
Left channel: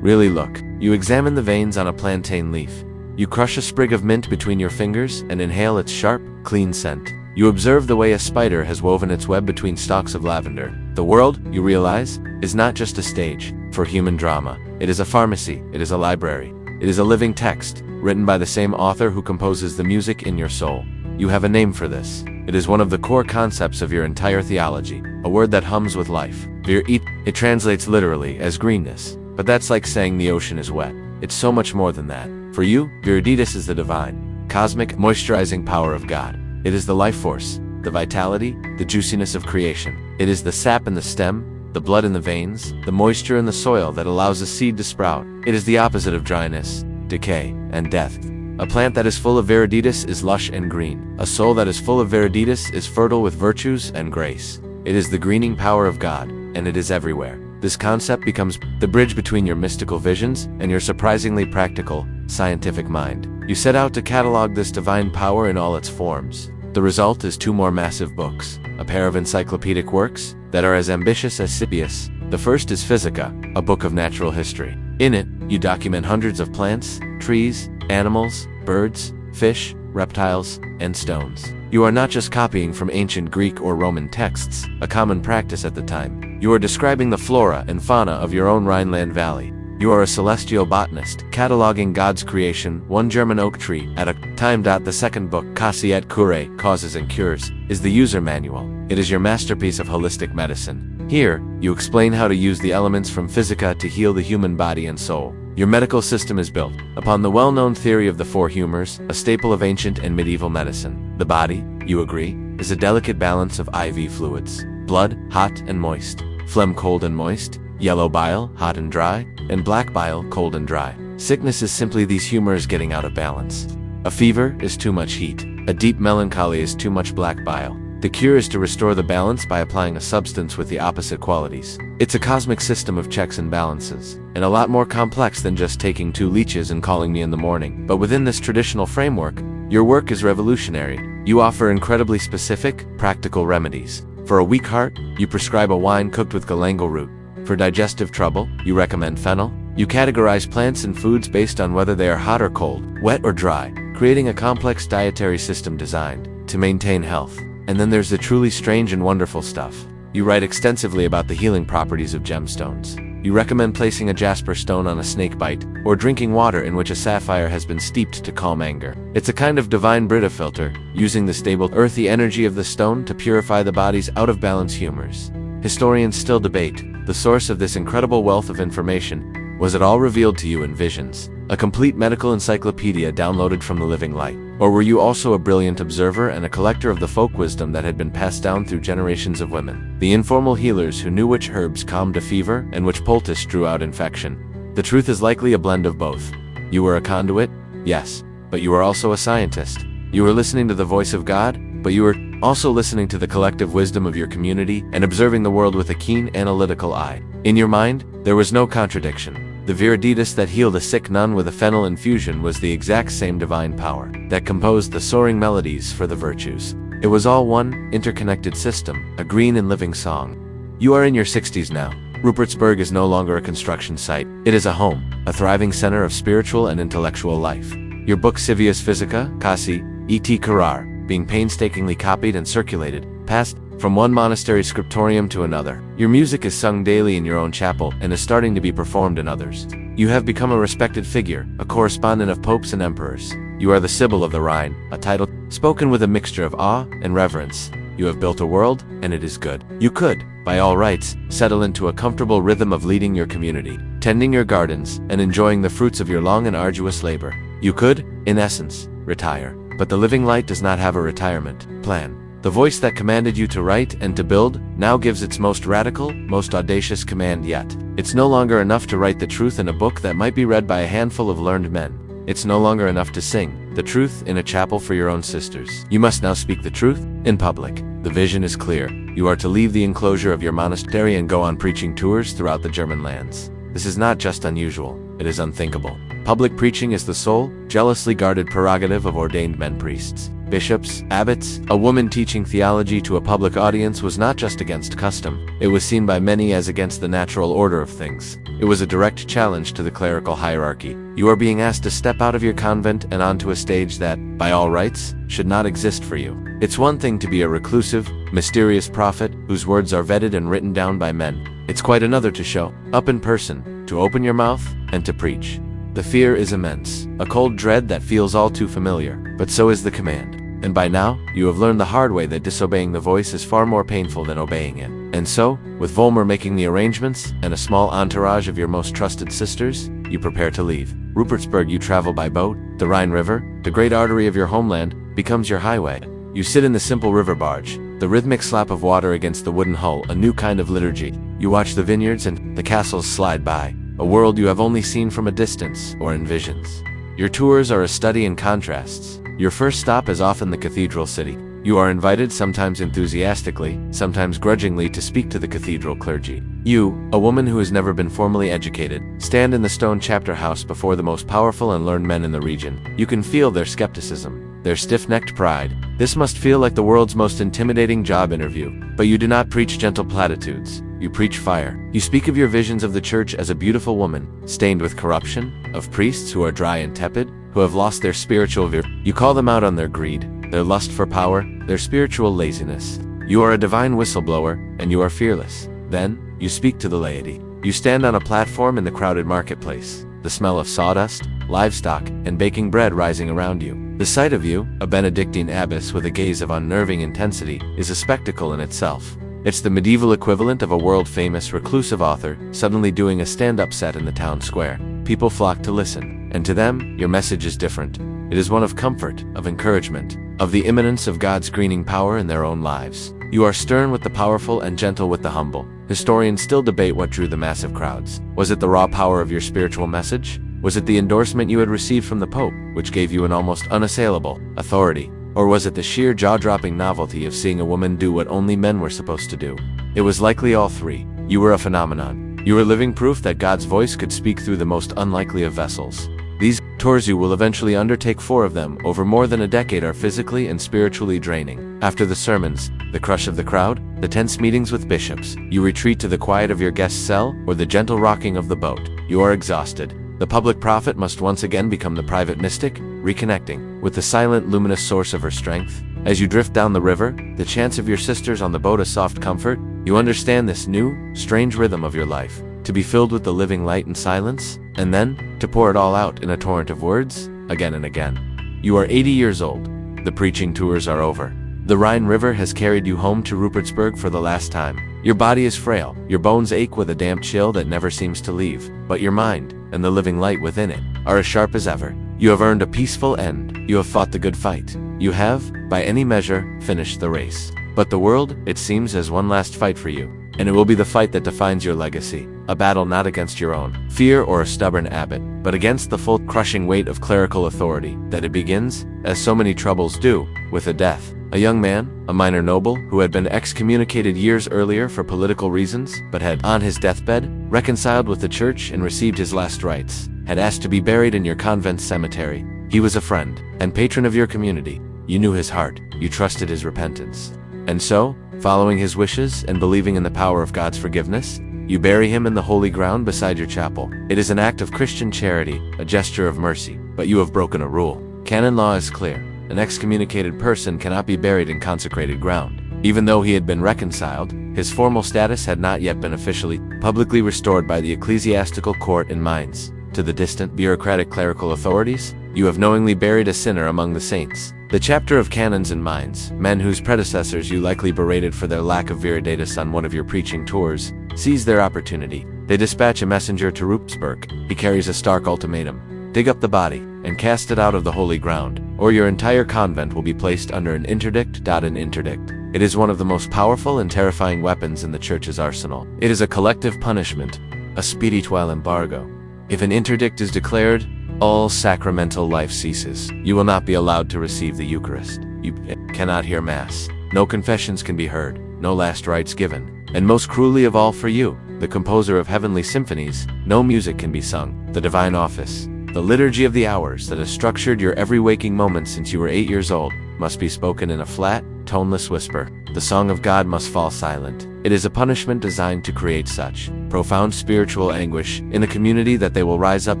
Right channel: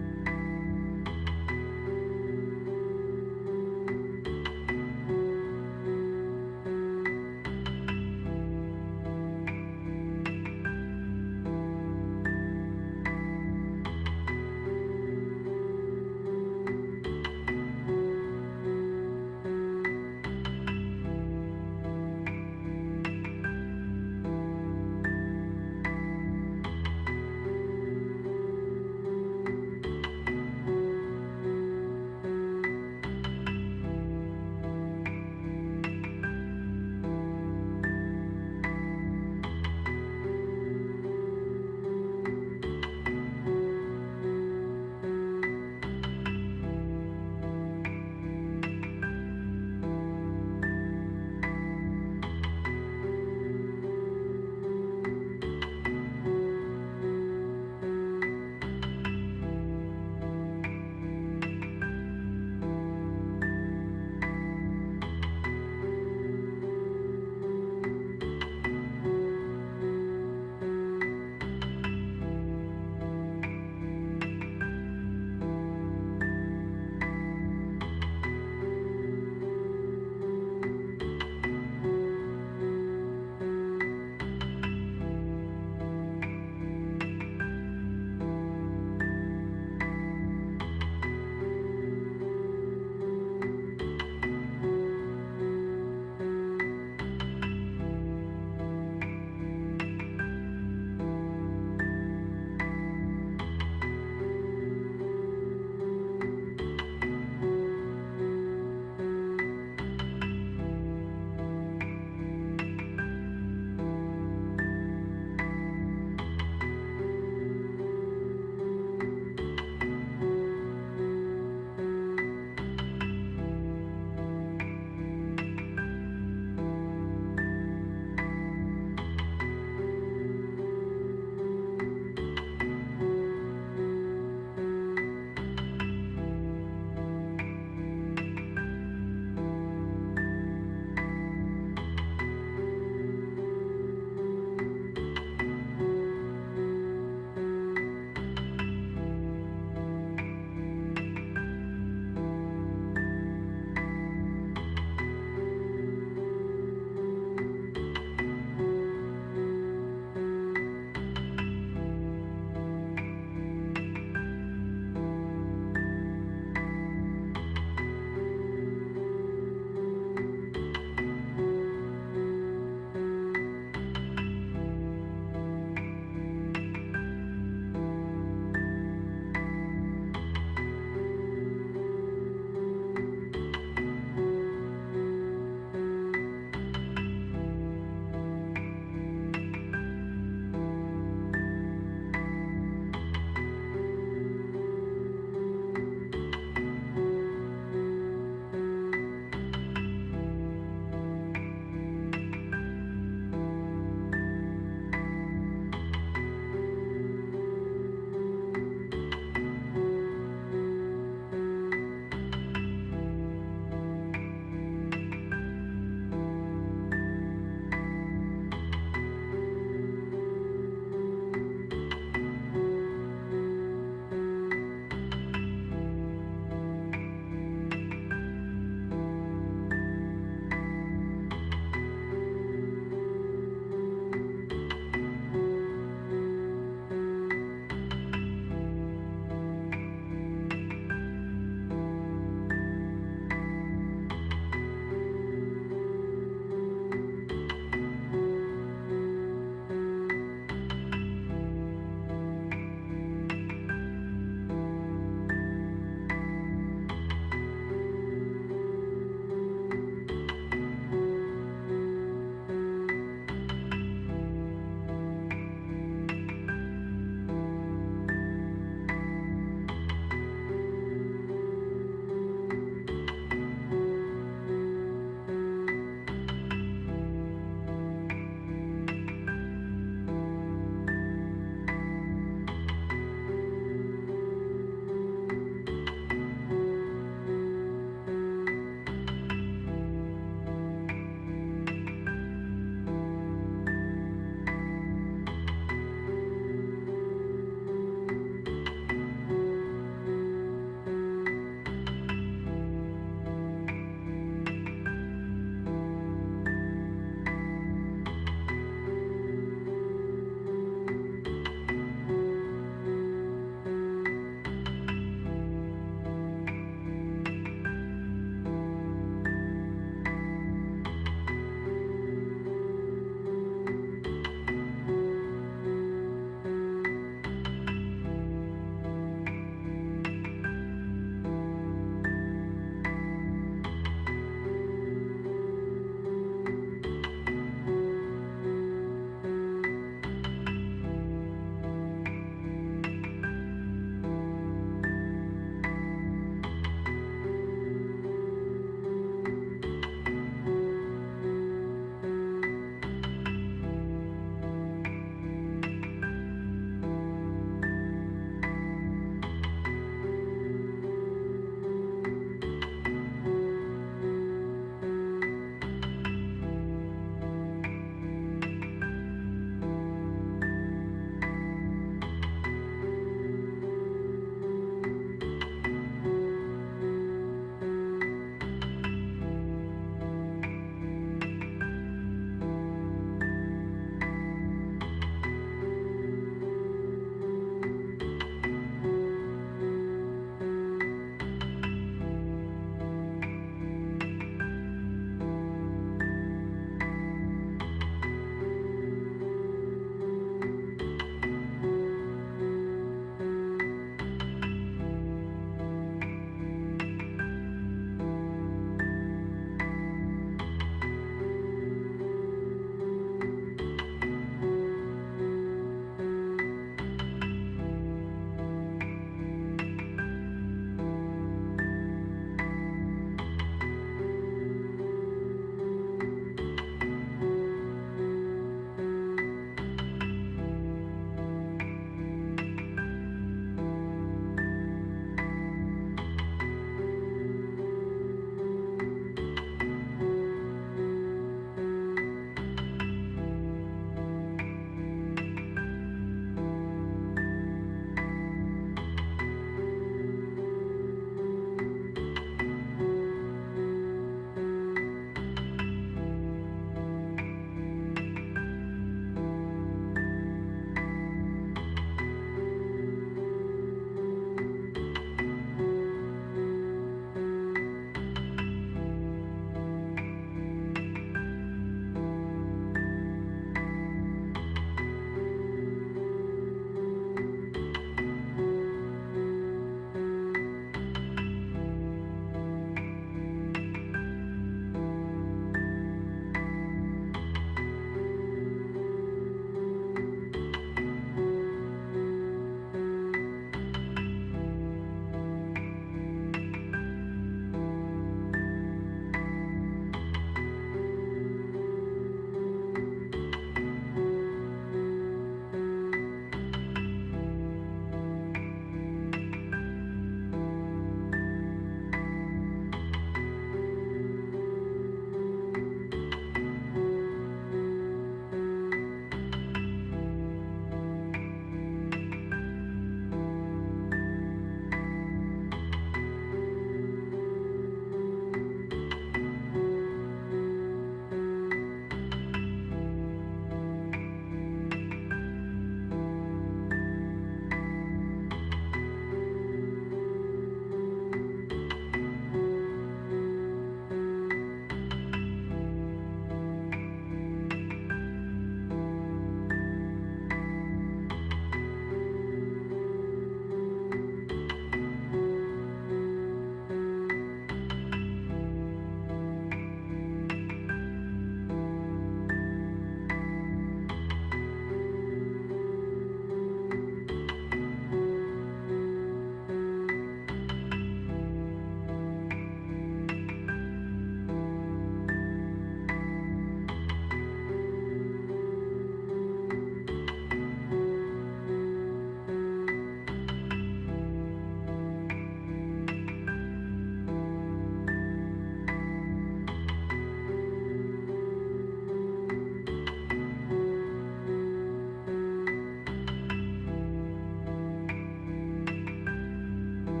Really look. You examine the veins on a plantain leaf. You crush a sprig of mint between your fingers and inhale its sharp, clean scent. You observe the way a spider has woven its web between stalks of lavender. The world, you realize, is not just a stage for human drama. It is a pharmacy, it is a library. It is a living text, written by the same author who composes the music in your soul. You have a name for this. It is one of the core concepts of your entire theology, a word that hums with life. It translates literally as greenness, but that's like saying the ocean is wet. It's so much more than that. For you, Viriditas is the divine, cosmic, moisturizing power of God. It is the life force, the vitality, the juiciness of creation. It is the sap in the stem, the blood in the veins, the moisture in the soil that allows a seed to sprout. It is the opposite of dryness, decay, and death. A plant that is full of Viriditas is lush and green. A soul that is full of Viriditas is fertile with virtues and grace. It is the greening power of God, and it is everywhere. This concept becomes the bridge between your mystical visions and your surprisingly practical, scientific mind. You set out to catalog this divine power in all its forms. The result is 2 more massive books, a pair of encyclopedic works that are as ambitious as Scipius. The first is Physica, a book of natural history. In it, you document hundreds of plants, trees, animals, birds, fish, reptiles, and stones. You are not just copying from ancient Greek or Roman texts, a common practice at the time. You are describing the flora and fauna of your own Rhineland Valley. You are a celestial botanist, cataloging God's creation, one German oak tree at a time. The second book, Causae et Curae, Causes and Cures, is the user manual. It is your masterpiece of holistic medicine. Here, you explain how to use the elements from Physica to heal the human body and soul. Your medical system is built upon the well-known theory of the 4 humors, a staple of ancient and medieval medicine. The body, you agree, is a delicate balance of IV fluids. Blood, hot and moist. Phlegm, cold and moist. Yellow bile, hot and dry, and black bile, cold and dry. Sickness is simply these humors getting out of balance. A fever is too much heat. A deep melancholy is too much black bile. The cure is to restore the balance by applying a substance with the opposite qualities. It's a cosmic system of checks and balances, and a lot more complex than just taking 2 leeches and calling me in the morning. But within this traditional framework, your work is revolutionary. You offer incredibly specific, practical remedies. For a weak heart, you prescribe a wine cooked with galangal root. For digestive trouble, you recommend fennel. You categorize plants and foods based on whether they are hot or cold, wet or dry, creating a complex dietary system designed to maintain health. And then there's the truly strange and wonderful stuff. You write extensively about the healing properties of gemstones. You recommend placing a jasper stone on a snake bite, or drinking water in which a sapphire has been steeped to calm anger. It's a kind of divine Brita filter, using the stable, earthy energy of the stone to purify the body's out-of-balance humors. Historians still debate the source of this incredible wealth of information. Was it all revealed to you in visions, a complete medical encyclopedia downloaded from the living light? Or were you also a brilliant observer and a collector of the folk wisdom that had been passed down through generations of women? The informal healers who knew which herbs calmed a fever and which poultice drew out infection. The truth is likely a blend of both. You were a conduit, yes, but you were also a scientist. You were listening to the voice of God, but you were also listening to the collective wisdom of your community and observing the world with a keen analytical eye. In your mind, there was no contradiction. The Viriditas that healed a sick nun with a fennel infusion was the exact same divine power that composed the soaring melodies for the virtues. It was all one, interconnected system, a green and living song. You are in your 60s now. Rupertsburg is no longer a construction site. It is a home, a thriving center of spiritual and intellectual life. Your book Civius Physica, Cassi, et Carrar, being painstakingly copied and circulated, passed from one monastery scriptorium to another. Your music is sung daily in your own chapel and is starting to be performed in others. You have become a respected figure, a correspondent of popes and emperors. You are the Sibyl of the Rhine, a title spoken with a mixture of awe and reverence. You have built a world, and it is good. You could, by all rights, settle into a comfortable rhythm of leading your community, tending your gardens, and enjoying the fruits of your long and arduous labor. You could, in essence, retire. But the living light does not have a retirement plan. The voice that commanded you to write and to build now gives its most radical, most audacious command yet. It's no longer enough to write the truth in a book that might be read by a handful of learned men. It's no longer enough to sing the truth in a chapel for your own sisters. You must now speak the truth in public. The vision is clear. You are to leave the enclosure of your monastery and go on preaching tours throughout the German lands. This is not just unusual, it is unthinkable. Public preaching is the sole, jealously guarded prerogative of ordained men priests. Bishops, abbots, a woman teaching theology to a public audience was not just against custom, it was seen by many as against the natural order of things. It was a direct challenge to the clerical hierarchy. You are being asked to step out of your convent and onto a stage that, by all rights, should not exist for you. It's one thing to be a reclusive, mysterious prophet whose words are vetted and written down by men. It's quite another to show up in person, to open your mouth, and to preach. The fear is immense, a cold dread that feels all too familiar, but so is the command. And by now, you have learned the hard way that disobeying the voice is far more painful than obeying it. And so, with Volmer making the arrangements, and a small entourage of your most trusted sisters, you prepare to leave. Rupertsburg you travel by boat. The Rhine River, the great artery of your homeland, becomes your highway. You sit in the simple river barge, the rhythmic slap of water against the wooden hull, a new kind of liturgy. You watch the vineyards and the castles slide by, a world you have only seen from a distance or in visions. Your tours are a study in contrasts. Your first stop is often the cathedral city. You are invited, sometimes enthusiastically, sometimes grudgingly, to speak to the cathedral clergy. You, a woman who has never been formally educated, stand in the stone chapter house before the most powerful and learned men in the region. You can feel their skepticism, their stiff-necked pride. This must feel like the world's most intimidating job interview. But you do not preach gentle platitudes. You preach fire. You speak of your visions of the church as a beautiful woman, stained with corruption, of priests who are dry and tepid, who have lost their spiritual vigor. You call them out on their greed, their lust for power, their spiritual laziness. You are a divine whistleblower, and you are fearless. Then, you speak to the laity. You stand on a platform in the crowded marketplace, the smell of sawdust, livestock, and baking bread rising around you. The sight of you, a Benedictine abbess with a gaze of unnerving intensity, is a spectacle in itself. It's the medieval equivalent of a world-famous reclusive author suddenly doing a stand-up set in the town square. People flock to listen, and to them, your message is different. It is one of comfort, of encouragement, of the imminence of God's greening power in their own lives. You are stern with the powerful and gentle with the humble. Historians still debate what drew the massive crowds. Was it the raw power of your spiritual message? Was it the endorsement you had received from the Pope, which gave you an almost unassailable authority? Or was it the sheer jaw-dropping novelty of seeing a woman do what only men were supposed to do? It was likely all three. You were a phenomenon. You were living proof that God's voice could speak through the most unlikely of vessels. These tours you will eventually undertake, 4 of them, over more than a decade, are physically and spiritually draining. After the sermons, the crush of the crowd, the tense meetings with bishops, you retreat to the quiet of your guest cell or the gentle rocking of the boat. You are exhausted. The public prophet must once again become the private mystic, reconnecting with the silent, luminous source of her strength. As you drift down the river, the chants of your sisters on the boat a soft comfort, you understand this new, strange rhythm of your life. to be filled with the living light and silence, and then to pour it all out in a torrent of words, again and again. You are 80 years old. The preaching tours are over. The Rhine River has carried you home to Rupertsberg for the last time. Your body is frail, your bones ache with a damp chill that never seems to leave, but your mind, and the living light within it, are as sharp as ever. You have earned a peaceful end. You have fought the good fight. You have, by any measure, finished the race. But the world, it seems, has one last fight for you. And it will be the fight that defines your legacy, a battle not against your own fear or a stubborn abbot, but against the full, crushing weight of clerical authority, that it begins, as so many troubles do, with a death. A young man, a minor noble, who had been excommunicated years earlier for political reasons, but had, on his deathbed, reconciled with the church and received his last rites, had asked to be buried in your convent cemetery. He was a friend, and patron of your community. You knew his heart, you trusted his repentance. And so, following his wishes and believing in the power of God's forgiveness, you bury him in the holy ground beside your chapel. It is an act of Christian charity, a gesture of mercy, but you have broken a rule. Canon law is clear. An excommunicated person cannot be buried in consecrated ground. Even though he had been reconciled, his formal status had not yet been officially, publicly restored by the ecclesiastical court in Mainz. To the distant, bureaucratic clerical authorities, you have knowingly buried a sinner among the saints. The chapter of canons in Mainz, men whose predecessors you likely berated for their lack of Viriditas on one of your preaching tours, seize their opportunity. They dispatch a messenger to Rupertsberg. He carries a stark ultimatum: dig up the body and cast it out of the holy ground, or your entire convent will be placed under an interdict. An interdict. It is one of the most powerful and terrifying weapons in the church's arsenal. It is a collective punishment, a spiritual embargo. If an interdict is declared, all sacramental life ceases. You will not be allowed to receive the Eucharist. You cannot hear Mass. No confessions can be heard, no last rites given. And most cruelly of all for you, the composer of heavenly symphonies, no music can be sung. The divine office, the liturgy of the hours that has structured your every waking moment since you were 8 years old, must be spoken in a flat, toneless whisper. The song of God must fall silent. It is a punishment designed to create such profound spiritual anguish in the community that they will rise up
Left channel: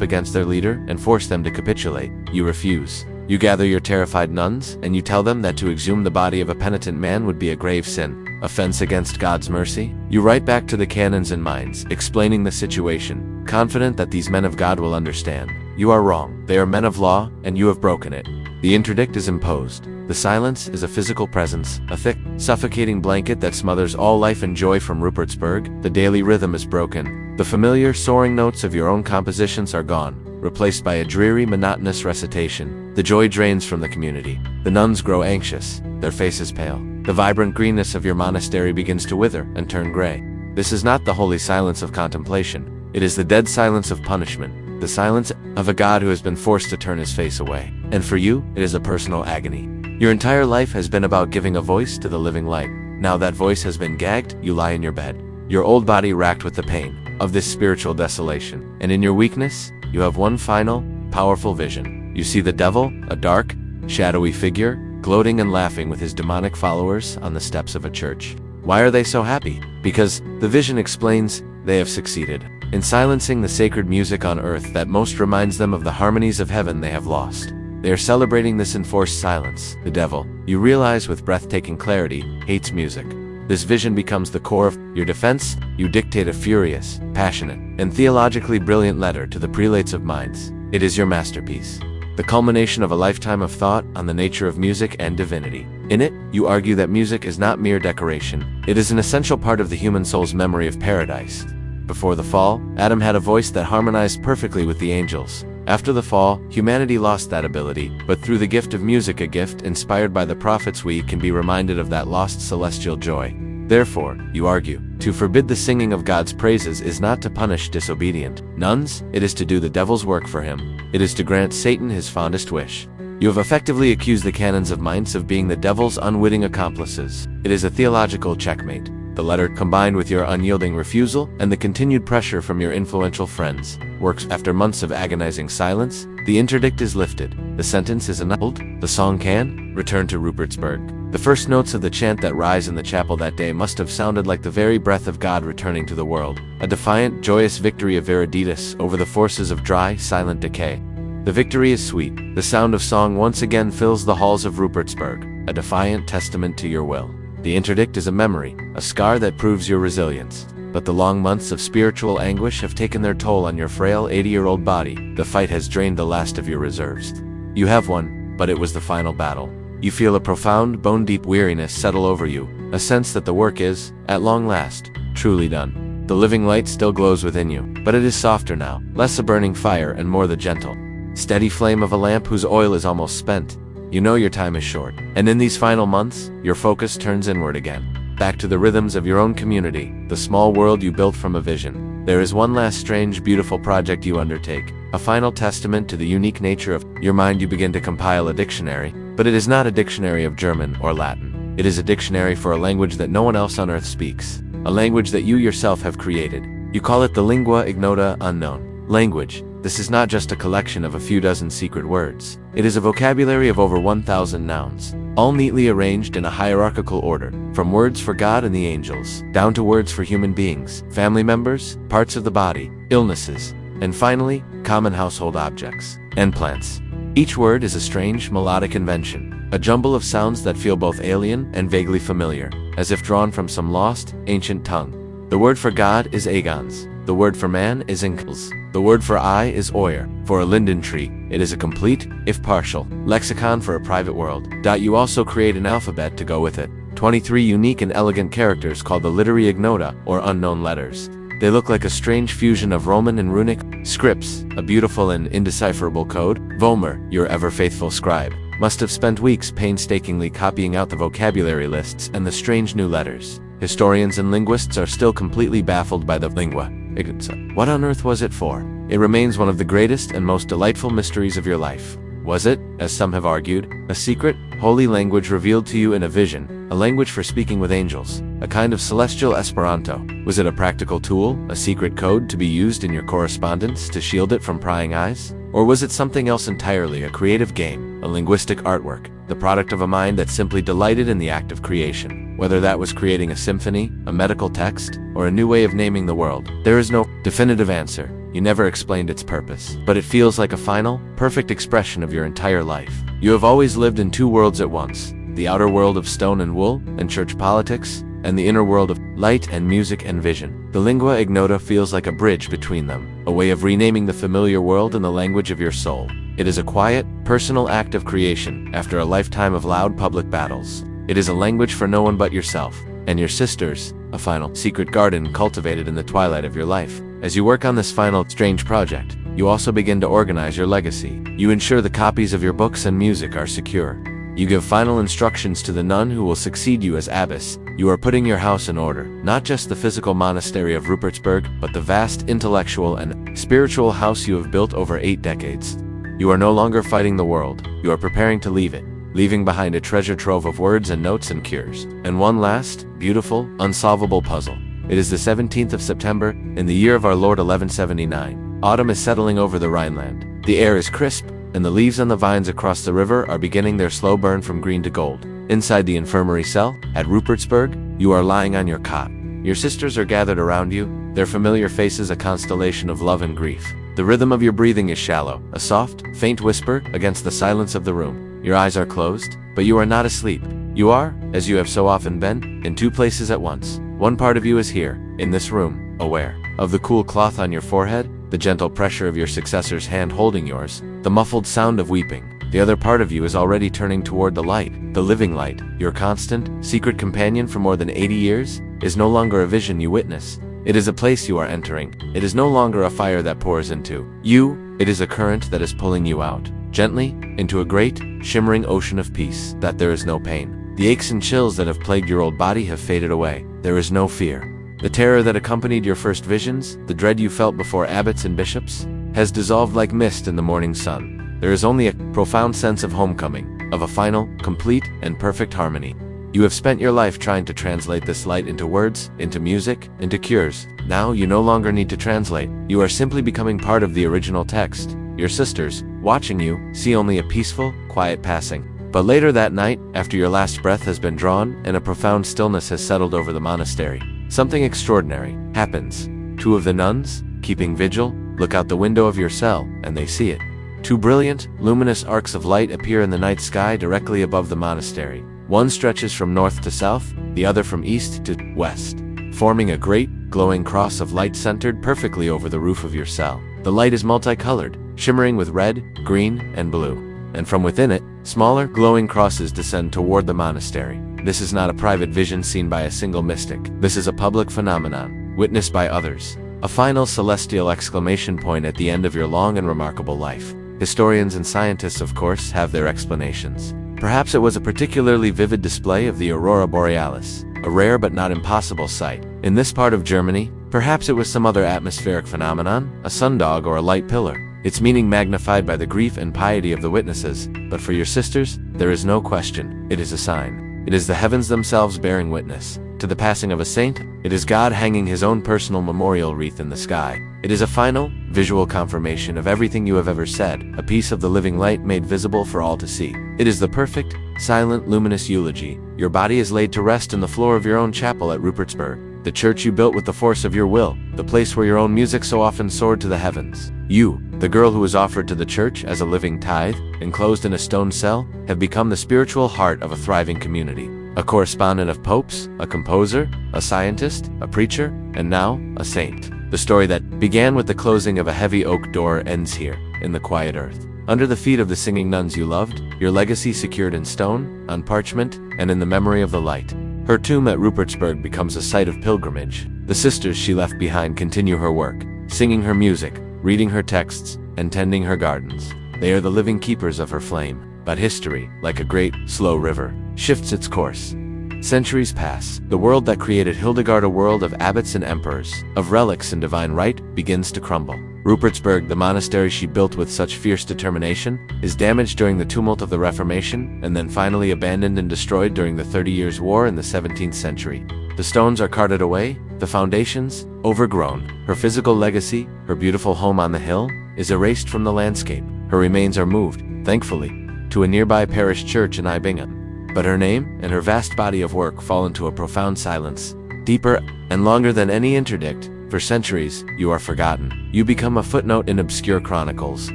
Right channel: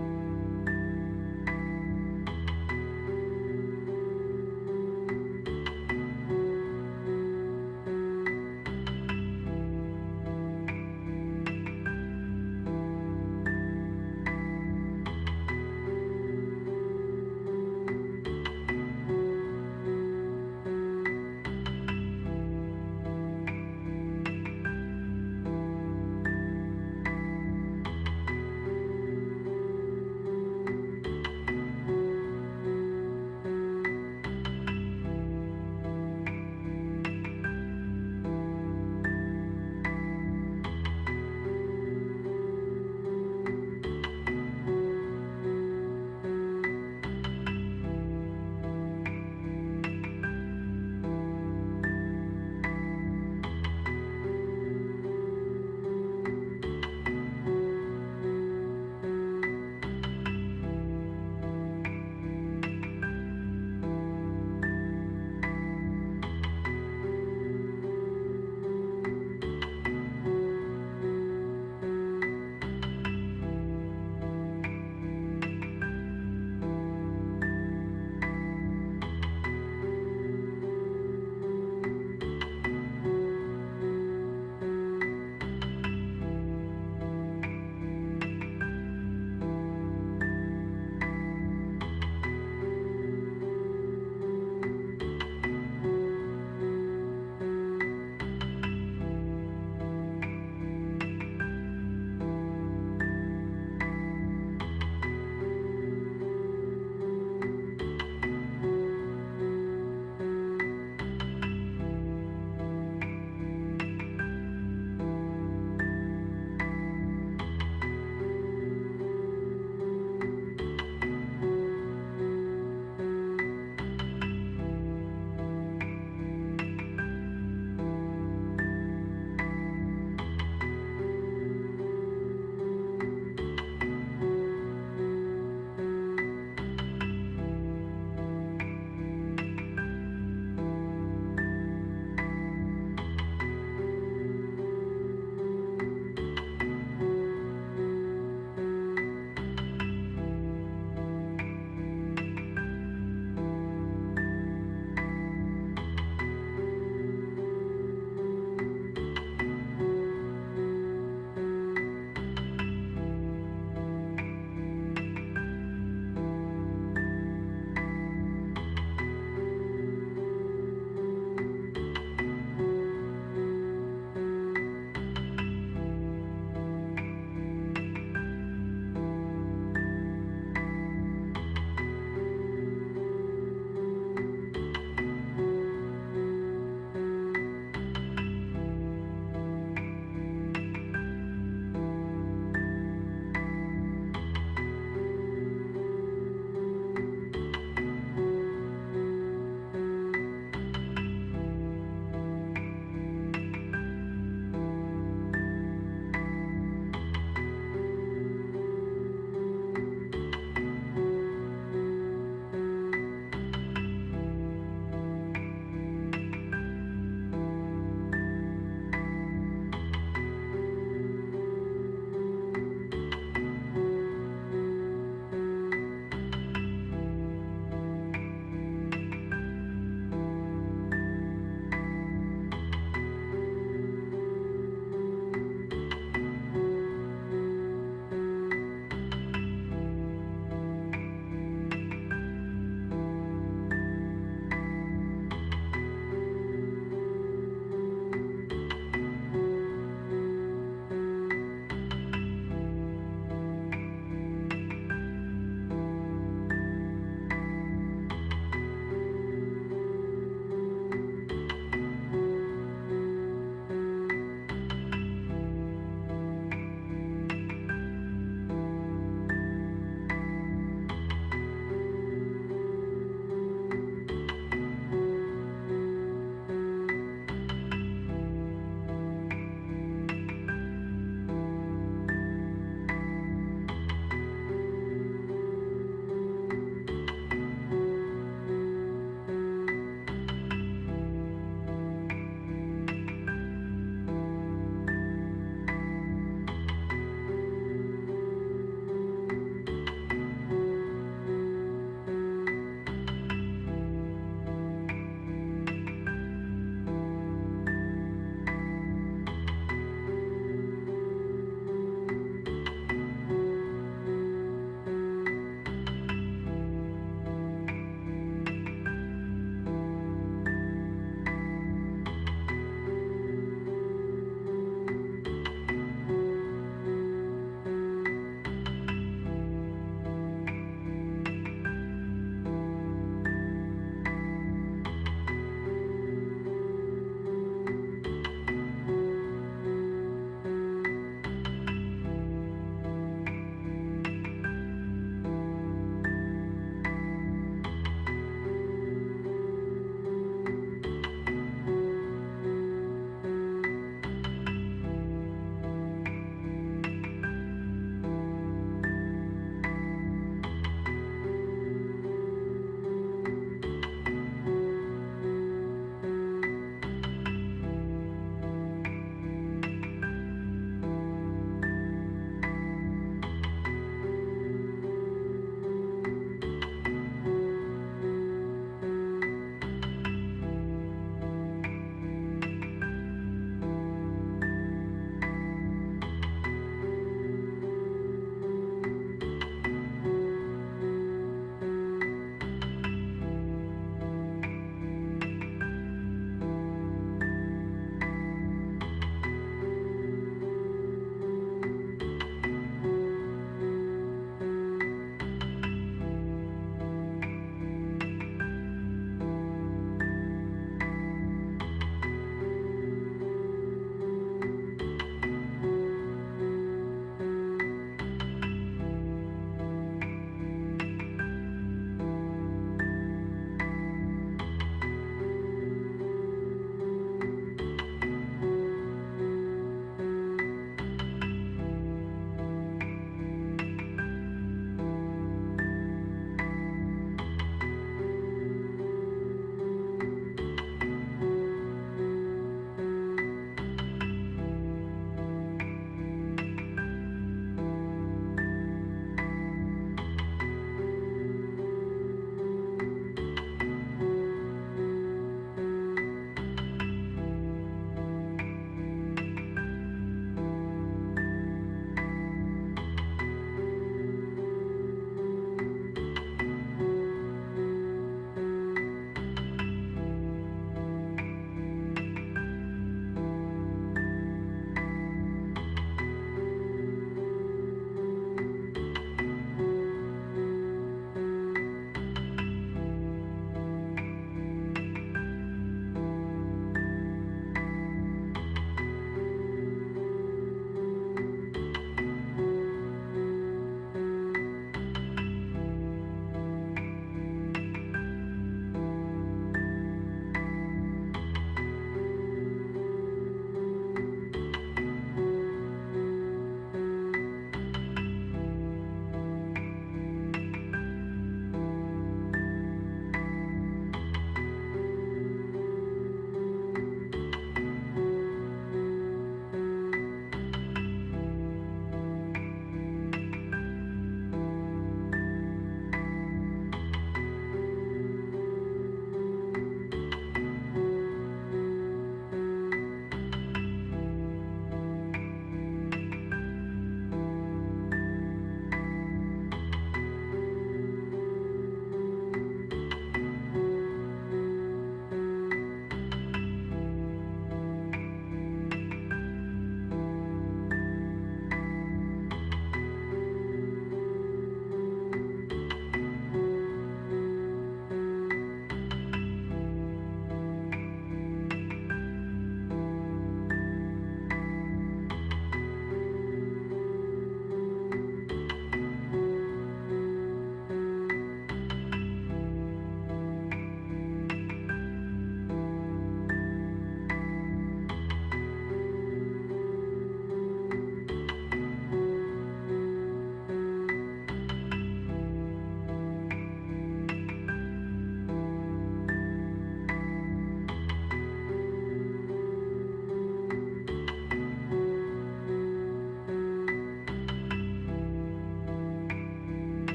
against their leader and force them to capitulate. You refuse. You gather your terrified nuns, and you tell them that to exhume the body of a penitent man would be a grave sin, offense against God's mercy. You write back to the canons in Mainz, explaining the situation, confident that these men of God will understand. You are wrong. They are men of law, and you have broken it. The interdict is imposed. The silence is a physical presence, a thick, suffocating blanket that smothers all life and joy from Rupertsberg. The daily rhythm is broken. The familiar, soaring notes of your own compositions are gone, replaced by a dreary, monotonous recitation. The joy drains from the community. The nuns grow anxious, their faces pale. The vibrant greenness of your monastery begins to wither and turn gray. This is not the holy silence of contemplation. It is the dead silence of punishment, the silence of a God who has been forced to turn his face away. And for you, it is a personal agony. Your entire life has been about giving a voice to the living light. Now that voice has been gagged, you lie in your bed, your old body racked with the pain of this spiritual desolation. And in your weakness, you have one final, powerful vision. You see the devil, a dark, shadowy figure, gloating and laughing with his demonic followers on the steps of a church. Why are they so happy? Because, the vision explains, they have succeeded in silencing the sacred music on earth that most reminds them of the harmonies of heaven they have lost. They are celebrating this enforced silence. The devil, you realize with breathtaking clarity, hates music. This vision becomes the core of your defense. You dictate a furious, passionate, and theologically brilliant letter to the prelates of Mainz. It is your masterpiece, the culmination of a lifetime of thought on the nature of music and divinity. In it, you argue that music is not mere decoration. It is an essential part of the human soul's memory of paradise. Before the fall, Adam had a voice that harmonized perfectly with the angels. After the fall, humanity lost that ability, but through the gift of music, a gift inspired by the prophets, we can be reminded of that lost celestial joy. Therefore, you argue, to forbid the singing of God's praises is not to punish disobedient nuns, it is to do the devil's work for him. It is to grant Satan his fondest wish. You have effectively accused the canons of Mainz of being the devil's unwitting accomplices. It is a theological checkmate. The letter, combined with your unyielding refusal and the continued pressure from your influential friends, works. After months of agonizing silence, the interdict is lifted. The sentence is annulled. The song can return to Rupertsberg. The first notes of the chant that rise in the chapel that day must have sounded like the very breath of God returning to the world, a defiant, joyous victory of Viriditas over the forces of dry, silent decay. The victory is sweet. The sound of song once again fills the halls of Rupertsberg, a defiant testament to your will. The interdict is a memory, a scar that proves your resilience. But the long months of spiritual anguish have taken their toll on your frail 80-year-old body. The fight has drained the last of your reserves. You have won, but it was the final battle. You feel a profound, bone-deep weariness settle over you, a sense that the work is, at long last, truly done. The living light still glows within you, but it is softer now, less a burning fire and more the gentle, steady flame of a lamp whose oil is almost spent. You know your time is short, and in these final months, your focus turns inward again, back to the rhythms of your own community, the small world you built from a vision. There is one last strange, beautiful project you undertake, a final testament to the unique nature of your mind. You begin to compile a dictionary, but it is not a dictionary of German or Latin. It is a dictionary for a language that no one else on earth speaks, a language that you yourself have created. You call it the lingua ignota, unknown language. This is not just a collection of a few dozen secret words. It is a vocabulary of over 1,000 nouns, all neatly arranged in a hierarchical order, from words for God and the angels, down to words for human beings, family members, parts of the body, illnesses, and finally, common household objects and plants. Each word is a strange, melodic invention, a jumble of sounds that feel both alien and vaguely familiar, as if drawn from some lost, ancient tongue. The word for God is agons. The word for man is inkels. The word for eye is oyer. For a linden tree, it is a complete, if partial, lexicon for a private world. You also create an alphabet to go with it. 23 unique and elegant characters called the literary ignota, or unknown letters. They look like a strange fusion of Roman and runic scripts, a beautiful and indecipherable code. Vollmer, your ever-faithful scribe, must have spent weeks painstakingly copying out the vocabulary lists and the strange new letters. Historians and linguists are still completely baffled by the lingua ignota. What on earth was it for? It remains one of the greatest and most delightful mysteries of your life. Was it, as some have argued, a secret, holy language revealed to you in a vision, a language for speaking with angels, a kind of celestial Esperanto? Was it a practical tool, a secret code to be used in your correspondence to shield it from prying eyes? Or was it something else entirely, a creative game, a linguistic artwork, the product of a mind that simply delighted in the act of creation? Whether that was creating a symphony, a medical text, or a new way of naming the world, there is no definitive answer. You never explained its purpose, but it feels like a final, perfect expression of your entire life. You have always lived in two worlds at once, the outer world of stone and wool, and church politics, and the inner world of light and music and vision. The lingua ignota feels like a bridge between them, a way of renaming the familiar world in the language of your soul. It is a quiet, personal act of creation after a lifetime of loud public battles. It is a language for no one but yourself and your sisters, a final, secret garden cultivated in the twilight of your life. As you work on this final, strange project, you also begin to organize your legacy. You ensure the copies of your books and music are secure. You give final instructions to the nun who will succeed you as abbess. You are putting your house in order, not just the physical monastery of Rupertsberg, but the vast intellectual and spiritual house you have built over 8 decades. You are no longer fighting the world, you are preparing to leave it, leaving behind a treasure trove of words and notes and cures. And one last, beautiful, unsolvable puzzle. It is the 17th of September, in the year of our Lord 1179. Autumn is settling over the Rhineland. The air is crisp, and the leaves on the vines across the river are beginning their slow burn from green to gold. Inside the infirmary cell, at Rupertsberg, you are lying on your cot. Your sisters are gathered around you, their familiar faces a constellation of love and grief. The rhythm of your breathing is shallow, a soft, faint whisper against the silence of the room. Your eyes are closed, but you are not asleep. You are, as you have so often been, in two places at once. One part of you is here, in this room, aware of the cool cloth on your forehead, the gentle pressure of your successor's hand holding yours, the muffled sound of weeping. The other part of you is already turning toward the light, the living light. Your constant, secret companion for more than 80 years is no longer a vision you witness. It is a place you are entering. It is no longer a fire that pours into you. It is a current that is pulling you out, gently, into a great, shimmering ocean of peace. That there is no pain. The aches and chills that have plagued your old body have faded away. There is no fear. The terror that accompanied your first visions, the dread you felt before abbots and bishops, has dissolved like mist in the morning sun. There is only a profound sense of homecoming, of a final, complete, and perfect harmony. You have spent your life trying to translate this light into words, into music, into cures. Now you no longer need to translate. You are simply becoming part of the original text. Your sisters, watching you, see only a peaceful, quiet passing. But later that night, after your last breath has been drawn and a profound stillness has settled over the monastery, something extraordinary happens. 2 of the nuns, keeping vigil, look out the window of your cell, and they see it. 2 brilliant, luminous arcs of light appear in the night sky directly above the monastery. One stretches from north to south, the other from east to west, forming a great, glowing cross of light centered perfectly over the roof of your cell. The light is multicolored, shimmering with red, green, and blue. And from within it, smaller, glowing crosses descend toward the monastery. This is not a private vision seen by a single mystic. This is a public phenomenon, witnessed by others. A final celestial exclamation point at the end of your long and remarkable life. Historians and scientists, of course, have their explanations. Perhaps it was a particularly vivid display of the aurora borealis, a rare but not impossible sight. In this part of Germany, perhaps it was some other atmospheric phenomenon, a sundog or a light pillar, its meaning magnified by the grief and piety of the witnesses. But for your sisters, there is no question, it is a sign. It is the heavens themselves bearing witness. To the passing of a saint, it is God hanging his own personal memorial wreath in the sky. It is a final, visual confirmation of everything you have ever said, a piece of the living light made visible for all to see. It is the perfect, silent, luminous eulogy. Your body is laid to rest in the floor of your own chapel at Rupertsberg, the church you built with the force of your will, the place where your own music so often soared to the heavens. You, the girl who was offered to the church as a living tithe, enclosed in a stone cell, have become the spiritual heart of a thriving community. A correspondent of popes, a composer, a scientist, a preacher, and now, a saint. The story that began with the closing of a heavy oak door ends here, in the quiet earth. Under the feet of the singing nuns you loved, your legacy secured in stone, on parchment, and in the memory of the light. Her tomb at Rupertsberg becomes a site of pilgrimage. The sisters she left behind continue her work, singing her music, reading her texts, and tending her gardens. They are the living keepers of her flame. But history, like a great, slow river, shifts its course. Centuries pass. The world that created Hildegard, a world of abbots and emperors, of relics and divine right, begins to crumble. Rupertsberg, the monastery she built with such fierce determination, is damaged during the tumult of the Reformation, and then finally abandoned and destroyed during the 30 Years' War in the 17th century. The stones are carted away, the foundations, overgrown. Her physical legacy, her beautiful home on the hill, is erased from the landscape. Her remains are moved, thankfully, to a nearby parish church in Bingen. But her name and her vast body of work fall into a profound silence, deeper and longer than any interdict. For centuries, you are forgotten. You become a footnote in obscure chronicles,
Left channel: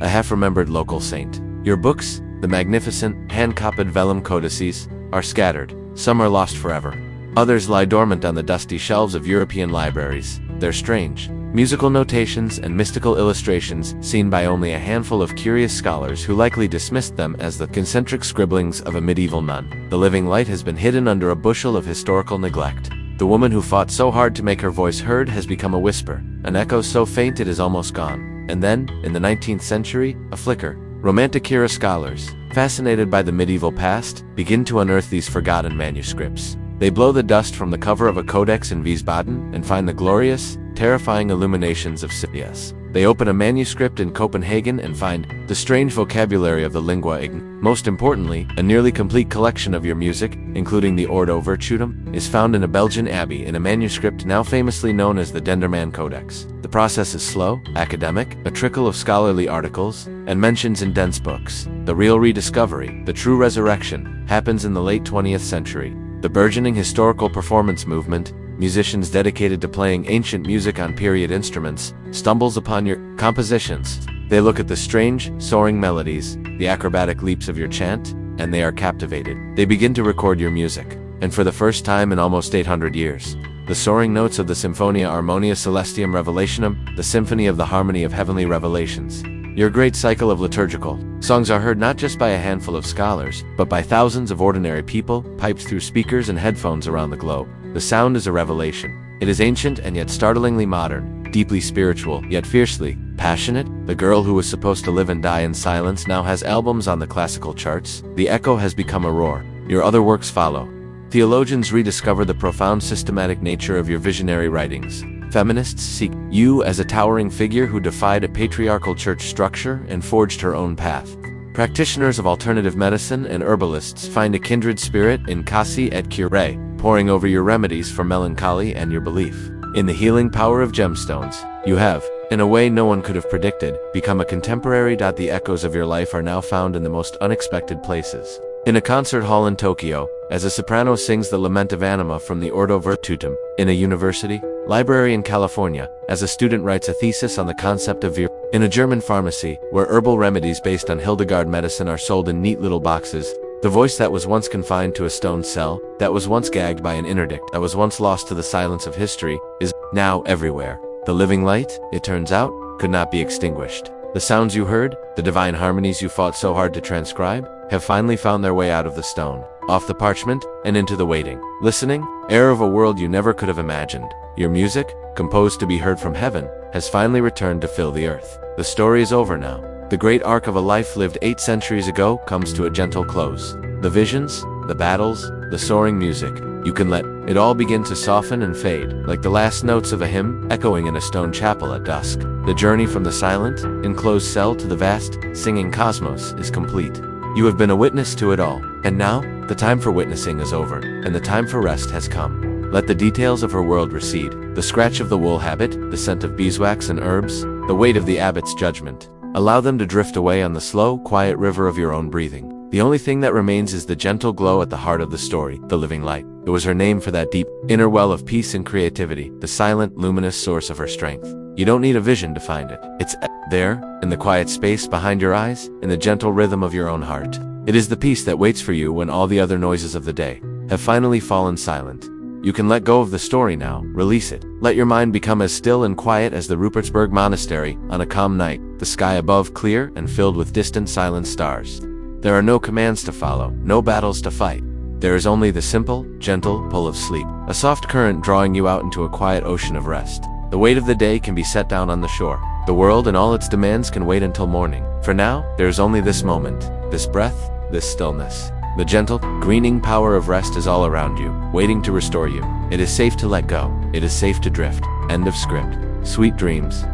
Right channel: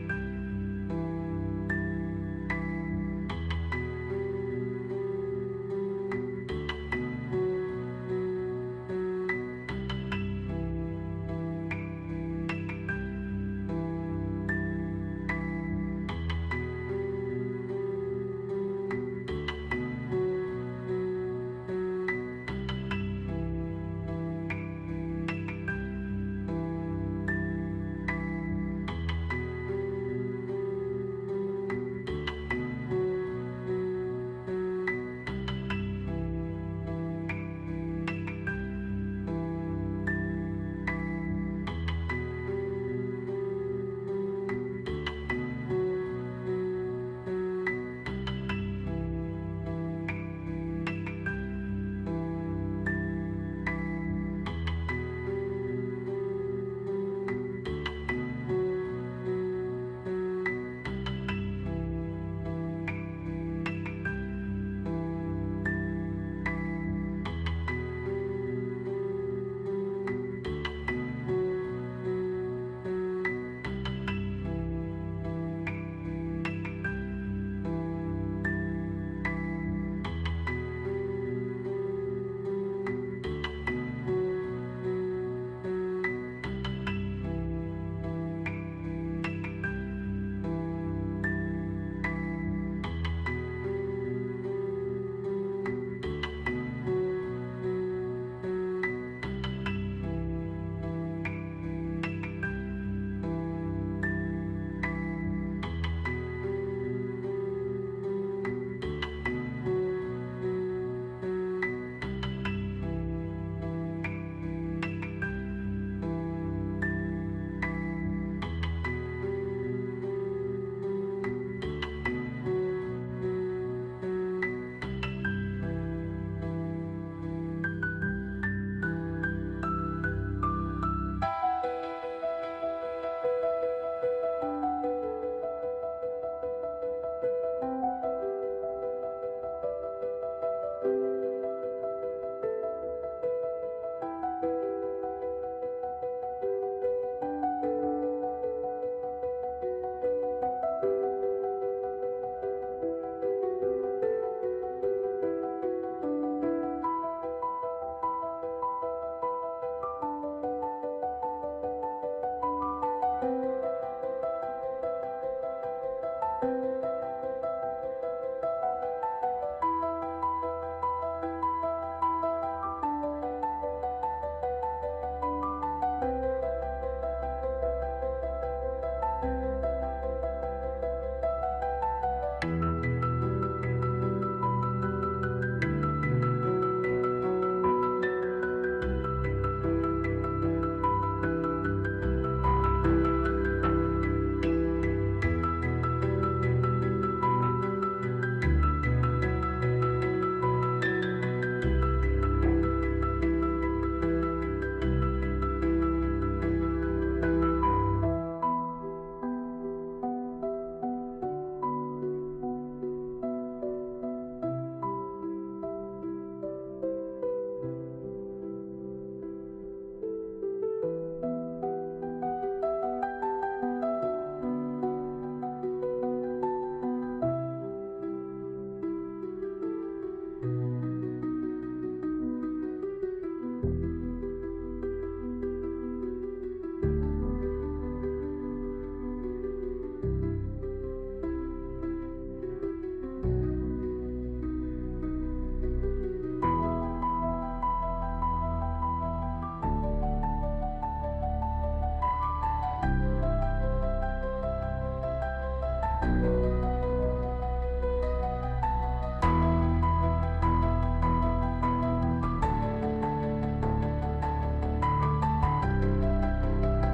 a half-remembered local saint. Your books, the magnificent, hand-copied vellum codices, are scattered. Some are lost forever. Others lie dormant on the dusty shelves of European libraries, their strange, musical notations and mystical illustrations seen by only a handful of curious scholars who likely dismissed them as the concentric scribblings of a medieval nun. The living light has been hidden under a bushel of historical neglect. The woman who fought so hard to make her voice heard has become a whisper, an echo so faint it is almost gone. And then, in the 19th century, a flicker. Romantic era scholars, fascinated by the medieval past, begin to unearth these forgotten manuscripts. They blow the dust from the cover of a codex in Wiesbaden and find the glorious, terrifying illuminations of Sippius. They open a manuscript in Copenhagen and find the strange vocabulary of the lingua ign. Most importantly, a nearly complete collection of your music, including the Ordo Virtutum, is found in a Belgian abbey in a manuscript now famously known as the Denderman Codex. The process is slow, academic, a trickle of scholarly articles, and mentions in dense books. The real rediscovery, the true resurrection, happens in the late 20th century. The burgeoning historical performance movement, musicians dedicated to playing ancient music on period instruments, stumbles upon your compositions. They look at the strange, soaring melodies, the acrobatic leaps of your chant, and they are captivated. They begin to record your music. And for the first time in almost 800 years, the soaring notes of the Symphonia Harmonia Celestium Revelationum, the symphony of the harmony of heavenly revelations. Your great cycle of liturgical songs are heard not just by a handful of scholars, but by thousands of ordinary people, piped through speakers and headphones around the globe. The sound is a revelation. It is ancient and yet startlingly modern, deeply spiritual, yet fiercely passionate. The girl who was supposed to live and die in silence now has albums on the classical charts. The echo has become a roar. Your other works follow. Theologians rediscover the profound systematic nature of your visionary writings. Feminists seek you as a towering figure who defied a patriarchal church structure and forged her own path. Practitioners of alternative medicine and herbalists find a kindred spirit in Kasi et Cure, poring over your remedies for melancholy and your belief in the healing power of gemstones. You have, in a way no one could have predicted, become a contemporary. The echoes of your life are now found in the most unexpected places. In a concert hall in Tokyo, as a soprano sings the Lament of Anima from the Ordo Virtutum. In a university library in California, as a student writes a thesis on the concept of in a German pharmacy, where herbal remedies based on Hildegard medicine are sold in neat little boxes, The voice that was once confined to a stone cell, that was once gagged by an interdict, that was once lost to the silence of history, is now everywhere. The living light, it turns out, could not be extinguished. The sounds you heard, the divine harmonies you fought so hard to transcribe, have finally found their way out of the stone, off the parchment, and into the waiting, listening, air of a world you never could have imagined. Your music, composed to be heard from heaven, has finally returned to fill the earth. The story is over now. The great arc of a life lived 8 centuries ago comes to a gentle close. The visions, the battles, the soaring music, you can let it all begin to soften and fade, like the last notes of a hymn echoing in a stone chapel at dusk. The journey from the silent, enclosed cell to the vast, singing cosmos is complete. You have been a witness to it all, and now, the time for witnessing is over, and the time for rest has come. Let the details of her world recede, the scratch of the wool habit, the scent of beeswax and herbs, the weight of the abbot's judgment. Allow them to drift away on the slow, quiet river of your own breathing. The only thing that remains is the gentle glow at the heart of the story, the living light. It was her name for that deep, inner well of peace and creativity, the silent, luminous source of her strength. You don't need a vision to find it. It's there, in the quiet space behind your eyes, in the gentle rhythm of your own heart. It is the peace that waits for you when all the other noises of the day have finally fallen silent. You can let go of the story now, release it. Let your mind become as still and quiet as the Rupertsberg Monastery on a calm night, the sky above clear and filled with distant silent stars. There are no commands to follow, no battles to fight. There is only the simple, gentle pull of sleep, a soft current drawing you out into a quiet ocean of rest. The weight of the day can be set down on the shore. The world and all its demands can wait until morning. For now, there is only this moment, this breath, this stillness. The gentle, greening power of rest is all around you, waiting to restore you. It is safe to let go. It is safe to drift. End of script. Sweet dreams.